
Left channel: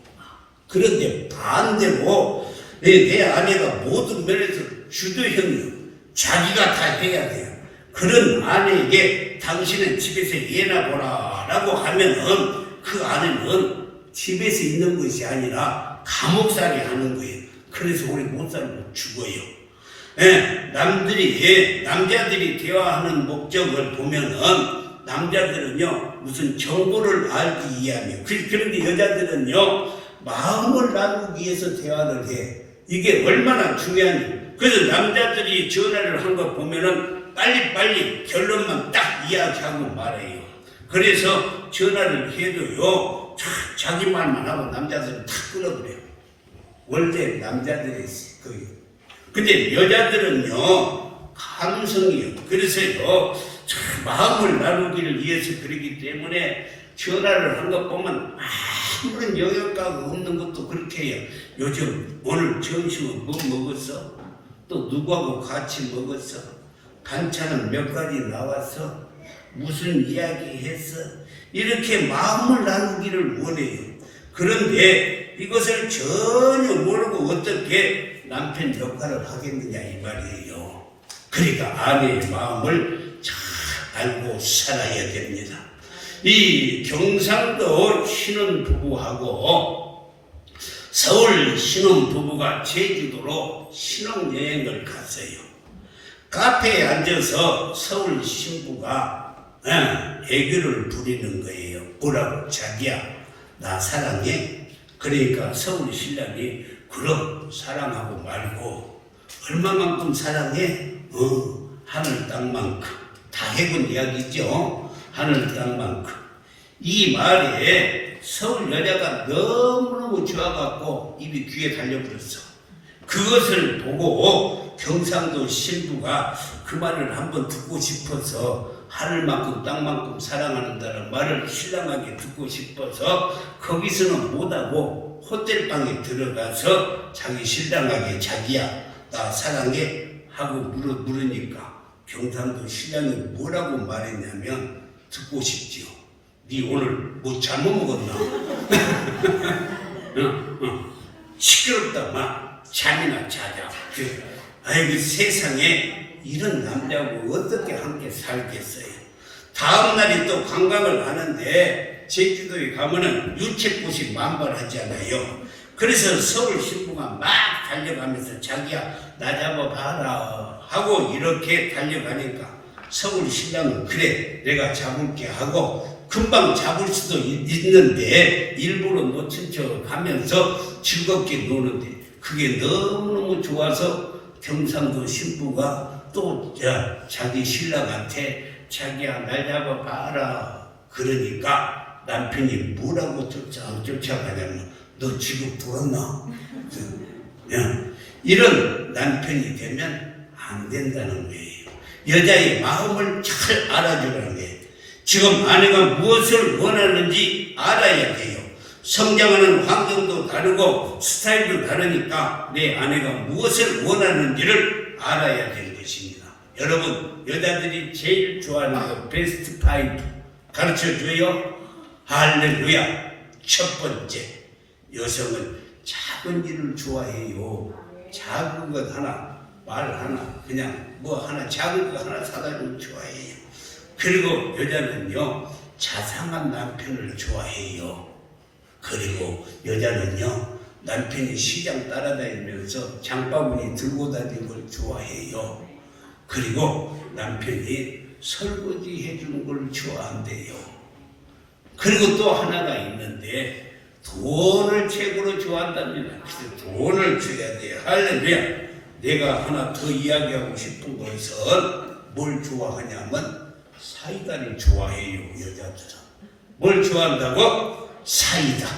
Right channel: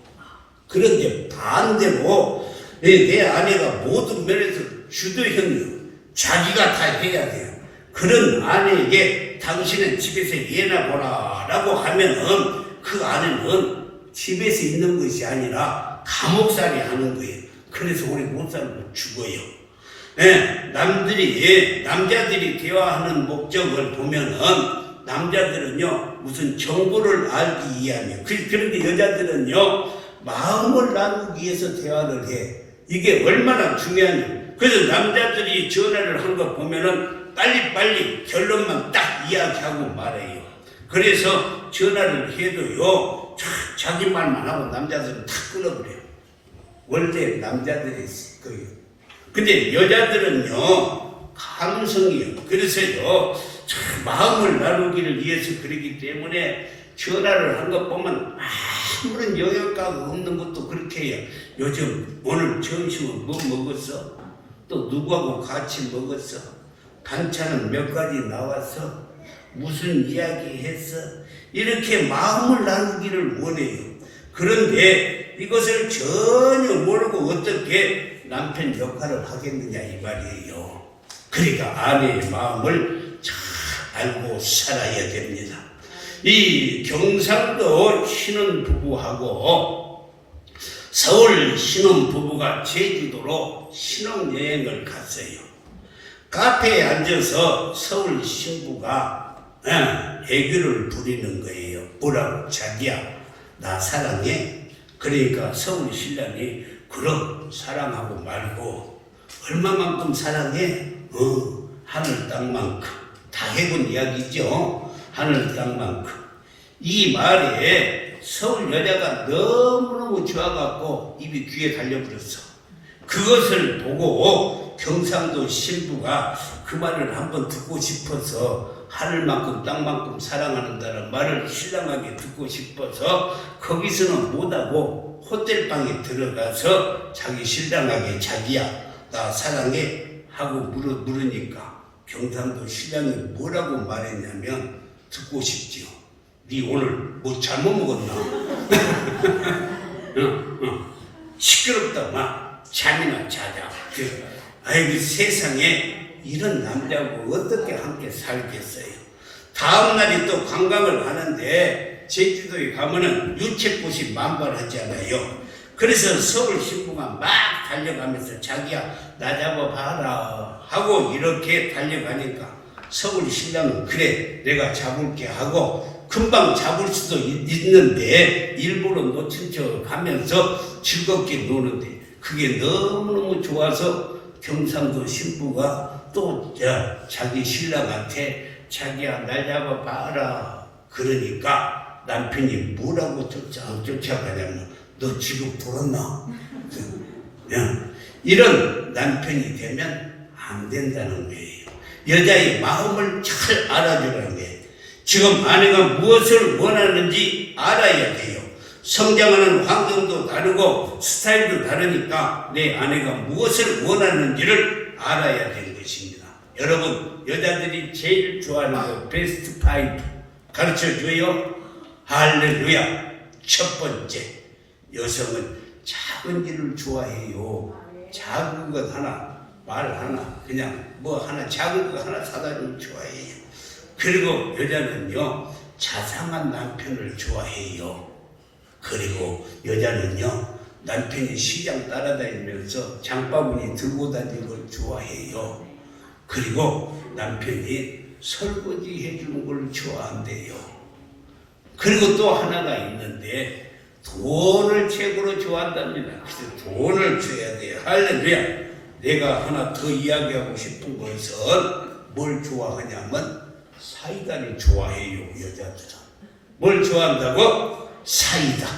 그런데 반대로 내 아내가 모든 면에서 주도형이에요. 자기가 다 해야 돼요. 그런 아내에게 당신은 집에서 예나 보라 라고 하면은 그 아내는 집에서 있는 것이 아니라 감옥살이 하는 거예요. 그래서 우리 못 살고 죽어요. 네, 남자들이 대화하는 목적을 보면은 남자들은요 무슨 정보를 알기 위함이에요. 그런데 여자들은요 마음을 나누기 위해서 대화를 해. 이게 얼마나 중요하냐. 그래서 남자들이 전화를 한 거 보면은 빨리빨리 결론만 딱 이야기하고 말해요. 그래서 전화를 해도요 자기 말만 하고 남자들은 다 끊어버려요. 원래 남자들이 거예요. 근데 여자들은요 감성이에요. 그래서요 마음을 나누기를 위해서 그러기 때문에 전화를 한 것 보면 아무런 영양가가 없는 것도 그렇게 해요. 요즘 오늘 점심은 뭐 먹었어? 또 누구하고 같이 먹었어? 반찬은 몇 가지 나왔어? 무슨 이야기 했어? 이렇게 마음을 나누기를 원해요. 그런데 이것을 전혀 모르고 어떻게 남편 역할을 하겠느냐 이 말이에요. 그러니까 아내의 마음을 잘 알고 살아야 됩니다. 이 경상도 신혼부부하고 서울 신혼부부가 제주도로 신혼여행을 갔어요. 카페에 앉아서 서울 신부가 애교를 부리는 거예요. 뭐라고? 자기야 나 사랑해. 그러니까 서울 신랑이 그럼 사랑하고 말고 얼마만큼 사랑해? 하늘 땅만큼. 다 해본 이야기죠. 하늘 땅만큼. 이 말에 서울 여자가 너무너무 좋아갖고 입이 귀에 달려버렸어. 그것을 보고 경상도 신부가 그 말을 한번 듣고 싶어서 하늘만큼 땅만큼 사랑한다는 말을 신랑에게 듣고 싶어서 거기서는 못하고 호텔방에 들어가서 자기 신랑에게 자기야 나 사랑해 하고 물으니까 경상도 신랑이 뭐라고 말했냐면 듣고 싶지요. 네 오늘 뭐 잘못 먹었나? 시끄럽다 마 잠이나 자자. 아이고 세상에 이런 남자하고 어떻게 함께 살겠어요. 다음날에 또 관광을 하는데 제주도에 가면은 유채꽃이 만발하잖아요. 그래서 서울 신부가 막 달려가면서 자기야 나 잡아봐라 하고 이렇게 달려가니까 서울 신랑은 그래 내가 잡을게 하고 금방 잡을 수도 있는데 일부러 놓친 척 하면서 즐겁게 노는데 그게 너무너무 좋아서 경상도 신부가 또 자기 신랑한테 자기야 날 잡아봐라 그러니까 남편이 뭐라고 쫓아가냐면 너 지금 돌았나? 이런 남편이 되면 안 된다는 거예요. 여자의 마음을 잘 알아주라는 거예요. 지금 아내가 무엇을 원하는지 알아야 돼요. 성장하는 환경도 다르고 스타일도 다르니까 내 아내가 무엇을 원하는지를 알아야 되는 것입니다. 여러분 여자들이 제일 좋아하는 거 베스트 5 가르쳐줘요. 할렐루야. 첫 번째 여성은 작은 일을 좋아해요. 작은 것 하나 말 하나 그냥 뭐 하나 작은 거 하나 사다를 좋아해요. 그리고 여자는요 자상한 남편을 좋아해요. 그리고 여자는요 남편이 시장 따라다니면서 장바구니 들고 다니는 걸 좋아해요. 그리고 남편이 설거지 해주는 걸 좋아한대요. 그리고 또 하나가 있는데 돈을 최고로 좋아한답니다. 그래서 돈을 줘야 돼요. 할렐루야. 내가 하나 더 이야기하고 싶은 것은 뭘 좋아하냐면 사이다를 좋아해요. 여자들은 뭘 좋아한다고? 사이다.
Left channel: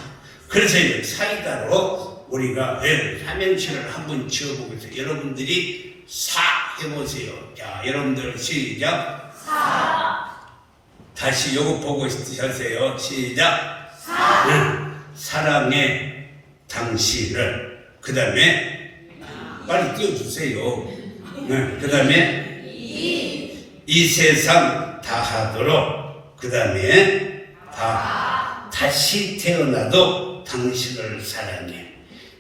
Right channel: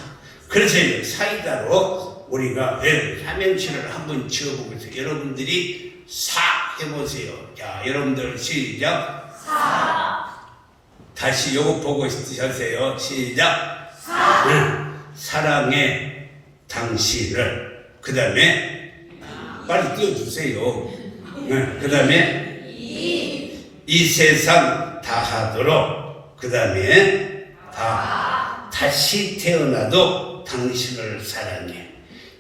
그래서 사이다로 우리가 삼행시를 한번 지어보겠습니다. 여러분들이 사 해보세요. 자, 여러분들 시작. 다시 요거 보고 하세요. 시작. 사랑해 당신을. 그 다음에 빨리 띄워주세요. 그 다음에 이 세상 다하도록. 그 다음에 다시 태어나도 당신을 사랑해.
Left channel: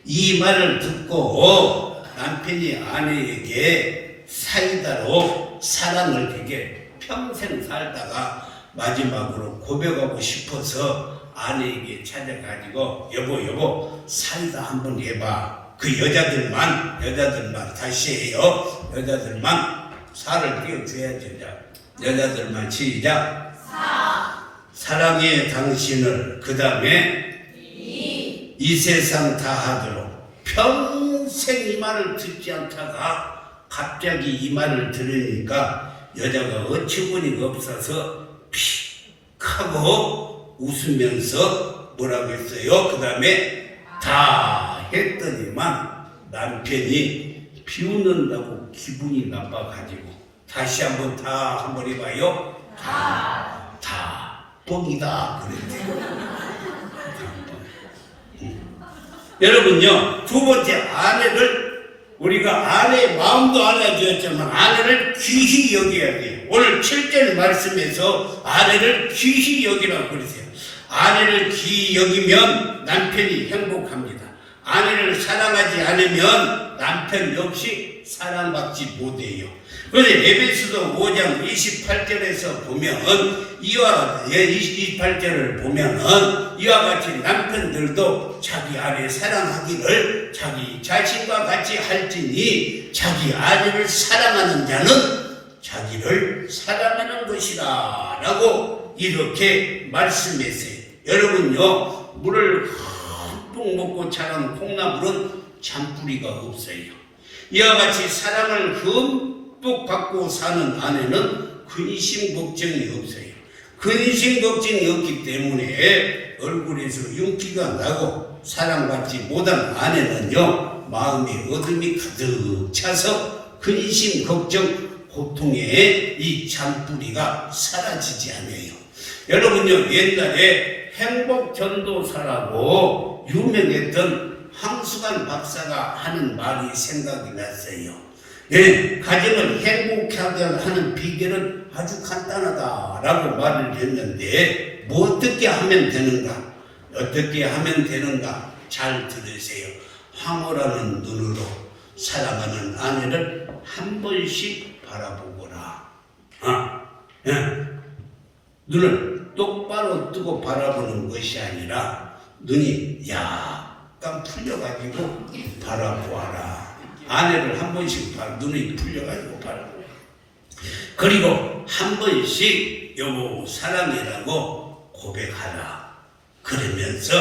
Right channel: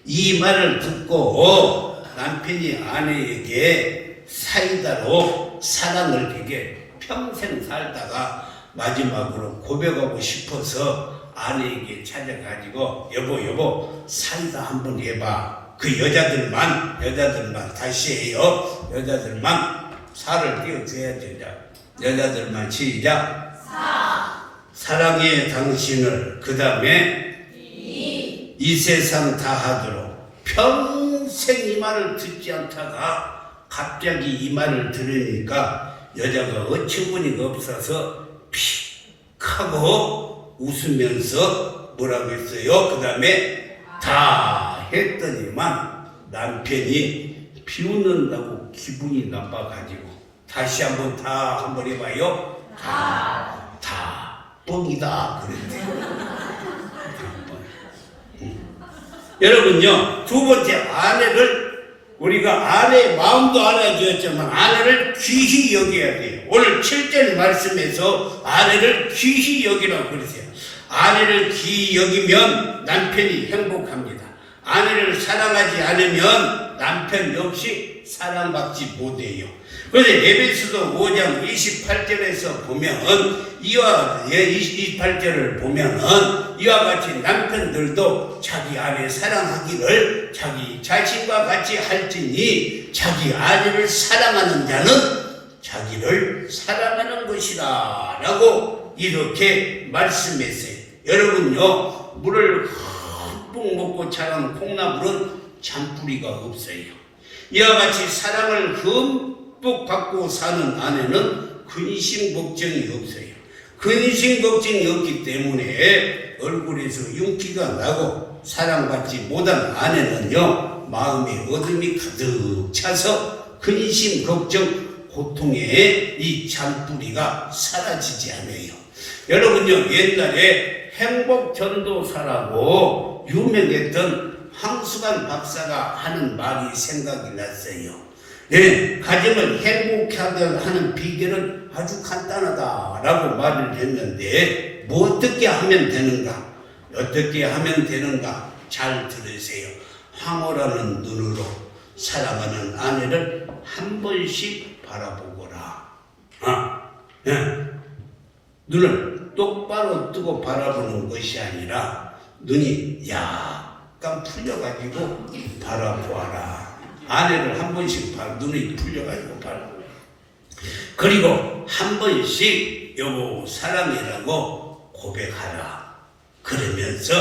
이 말을 듣고 남편이 아내에게 사이다로 사랑을 그게 평생 살다가 마지막으로 고백하고 싶어서 아내에게 찾아가지고 여보 사이다 한번 해봐. 그 여자들만 다시 해요. 여자들만 살을 띄워줘야 된다. 여자들만 시작. 사랑해 당신을. 그 다음에 이 세상 다하도록. 평생 이 말을 듣지 않다가 갑자기 이 말을 들으니까 여자가 어처구니가 없어서 픽 하고 웃으면서 뭐라고 했어요? 그 다음에 다 했더니만 남편이 비웃는다고 기분이 나빠가지고 다시 한번 다 한번 해봐요. 다 뻥이다 그랬대요. 여러분요, 두 번째 아내를 우리가 아내의 마음도 알아주었지만 아내를 귀히 여겨야 돼요. 오늘 7절 말씀에서 아내를 귀히 여기라고 그러세요. 아내를 귀히 여기면 남편이 행복합니다. 아내를 사랑하지 않으면 남편 역시 사랑받지 못해요. 그런데 에베소서 5장 28절에서 보면 이와 28절을 보면은 이와 같이 남편들도 자기 아내 사랑하기를 자기 자신과 같이 할지니 자기 아내를 사랑하는 자는 자기를 사랑하는 것이다 라고 이렇게 말씀했어요. 여러분요, 물을 듬뿍 먹고 자란 콩나물은 잔뿌리가 없어요. 이와 같이 사랑을 듬뿍 받고 사는 아내는 근심 걱정이 없어요. 근심 걱정이 없기 때문에 얼굴에서 윤기가 나고 사랑받지 못한 아내는요, 마음에 어둠이 가득 차서 근심 걱정 고통의 이 잔뿌리가 사라지지 않아요. 여러분요, 옛날에 행복전도사라고 유명했던 황수관 박사가 하는 말이 생각이 났어요. 네, 가정을 행복하게 하는 비결은 아주 간단하다라고 말을 했는데 뭐 어떻게 하면 되는가? 어떻게 하면 되는가? 잘 들으세요. 황홀하는 눈으로 사랑하는 아내를 한 번씩 바라보거라. 눈을 똑바로 뜨고 바라보는 것이 아니라 눈이 약간 풀려가지고 바라보아라. 아내를 한 번씩 눈이 풀려가지고 바라보아라. 그리고 한 번씩 여보 사랑이라고 고백하라. 그러면서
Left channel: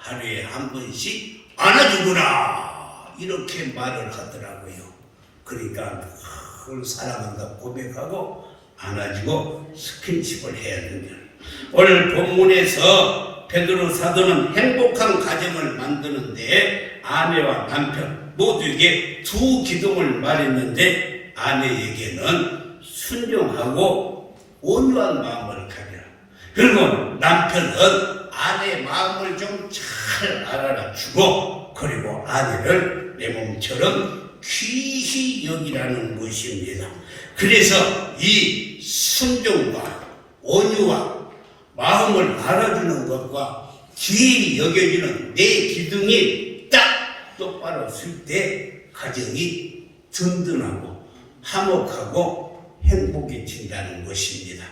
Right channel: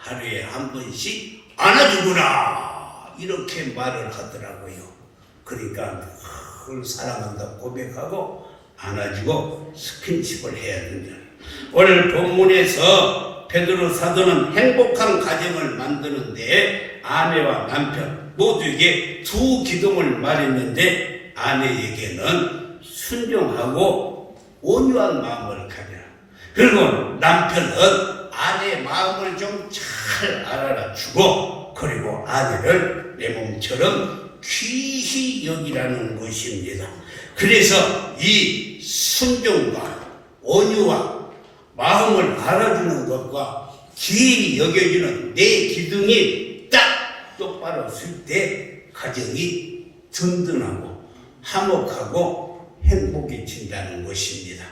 하루에 한 번씩 안아주거라. 이렇게 말을 하더라고요. 그러니까 그걸 사랑한다 고백하고 안아주고 스킨십을 해야 됩니다. 오늘 본문에서 베드로 사도는 행복한 가정을 만드는데 아내와 남편 모두에게 두 기둥을 말했는데 아내에게는 순종하고 온유한 마음을 가져라. 그리고 남편은 아내의 마음을 좀 잘 알아주고 그리고 아내를 내 몸처럼 귀히 여기라는 것입니다. 그래서 이 순종과 온유와 마음을 알아주는 것과 귀히 여겨지는 내 기둥이 딱 똑바로 쓸 때 가정이 든든하고 화목하고 행복해진다는 것입니다.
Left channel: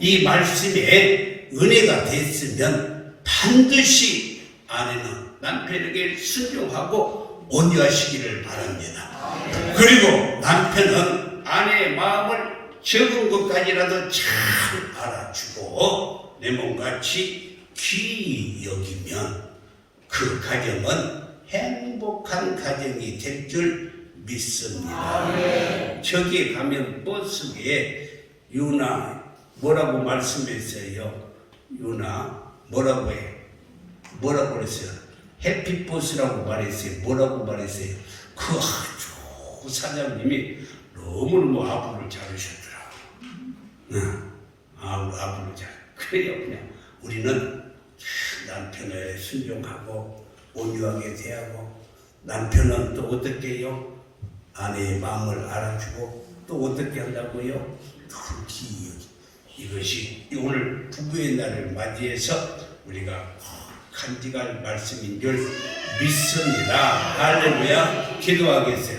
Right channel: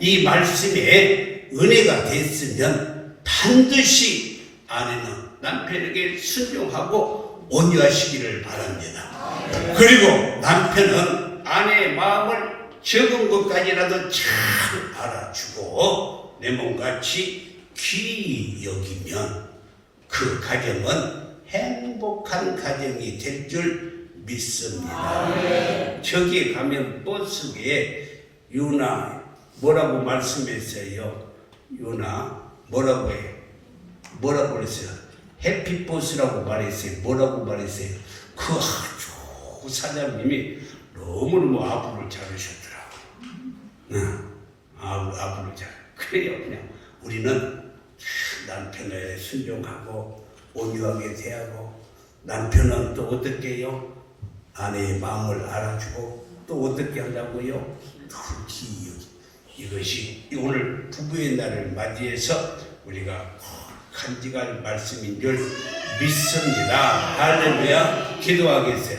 이 말씀에 은혜가 됐으면 반드시 아내는 남편에게 순종하고 온유하시기를 바랍니다. 그리고 남편은 아내의 마음을 적은 것까지라도 잘 알아주고 내 몸같이 귀히 여기면 그 가정은 행복한 가정이 될 줄 믿습니다. 저기 가면 버스에 유나 뭐라고 말씀했어요? 유나 뭐라고 해요? 뭐라고 그랬어요? 해피버스라고 말했어요. 뭐라고 말했어요? 그 아주 그 사장님이 너무너무 아부를 잡으셨더라고. 응. 아부를 잡. 그래요, 그냥 우리는 남편에 순종하고 온유하게 대하고, 남편은 또 어떻게 해요? 아내의 마음을 알아주고 또 어떻게 한다고요? 특히 이것이 오늘 부부의 날을 맞이해서 우리가 간직할 말씀인 줄 믿습니다. 할렐루야. 기도하겠어요.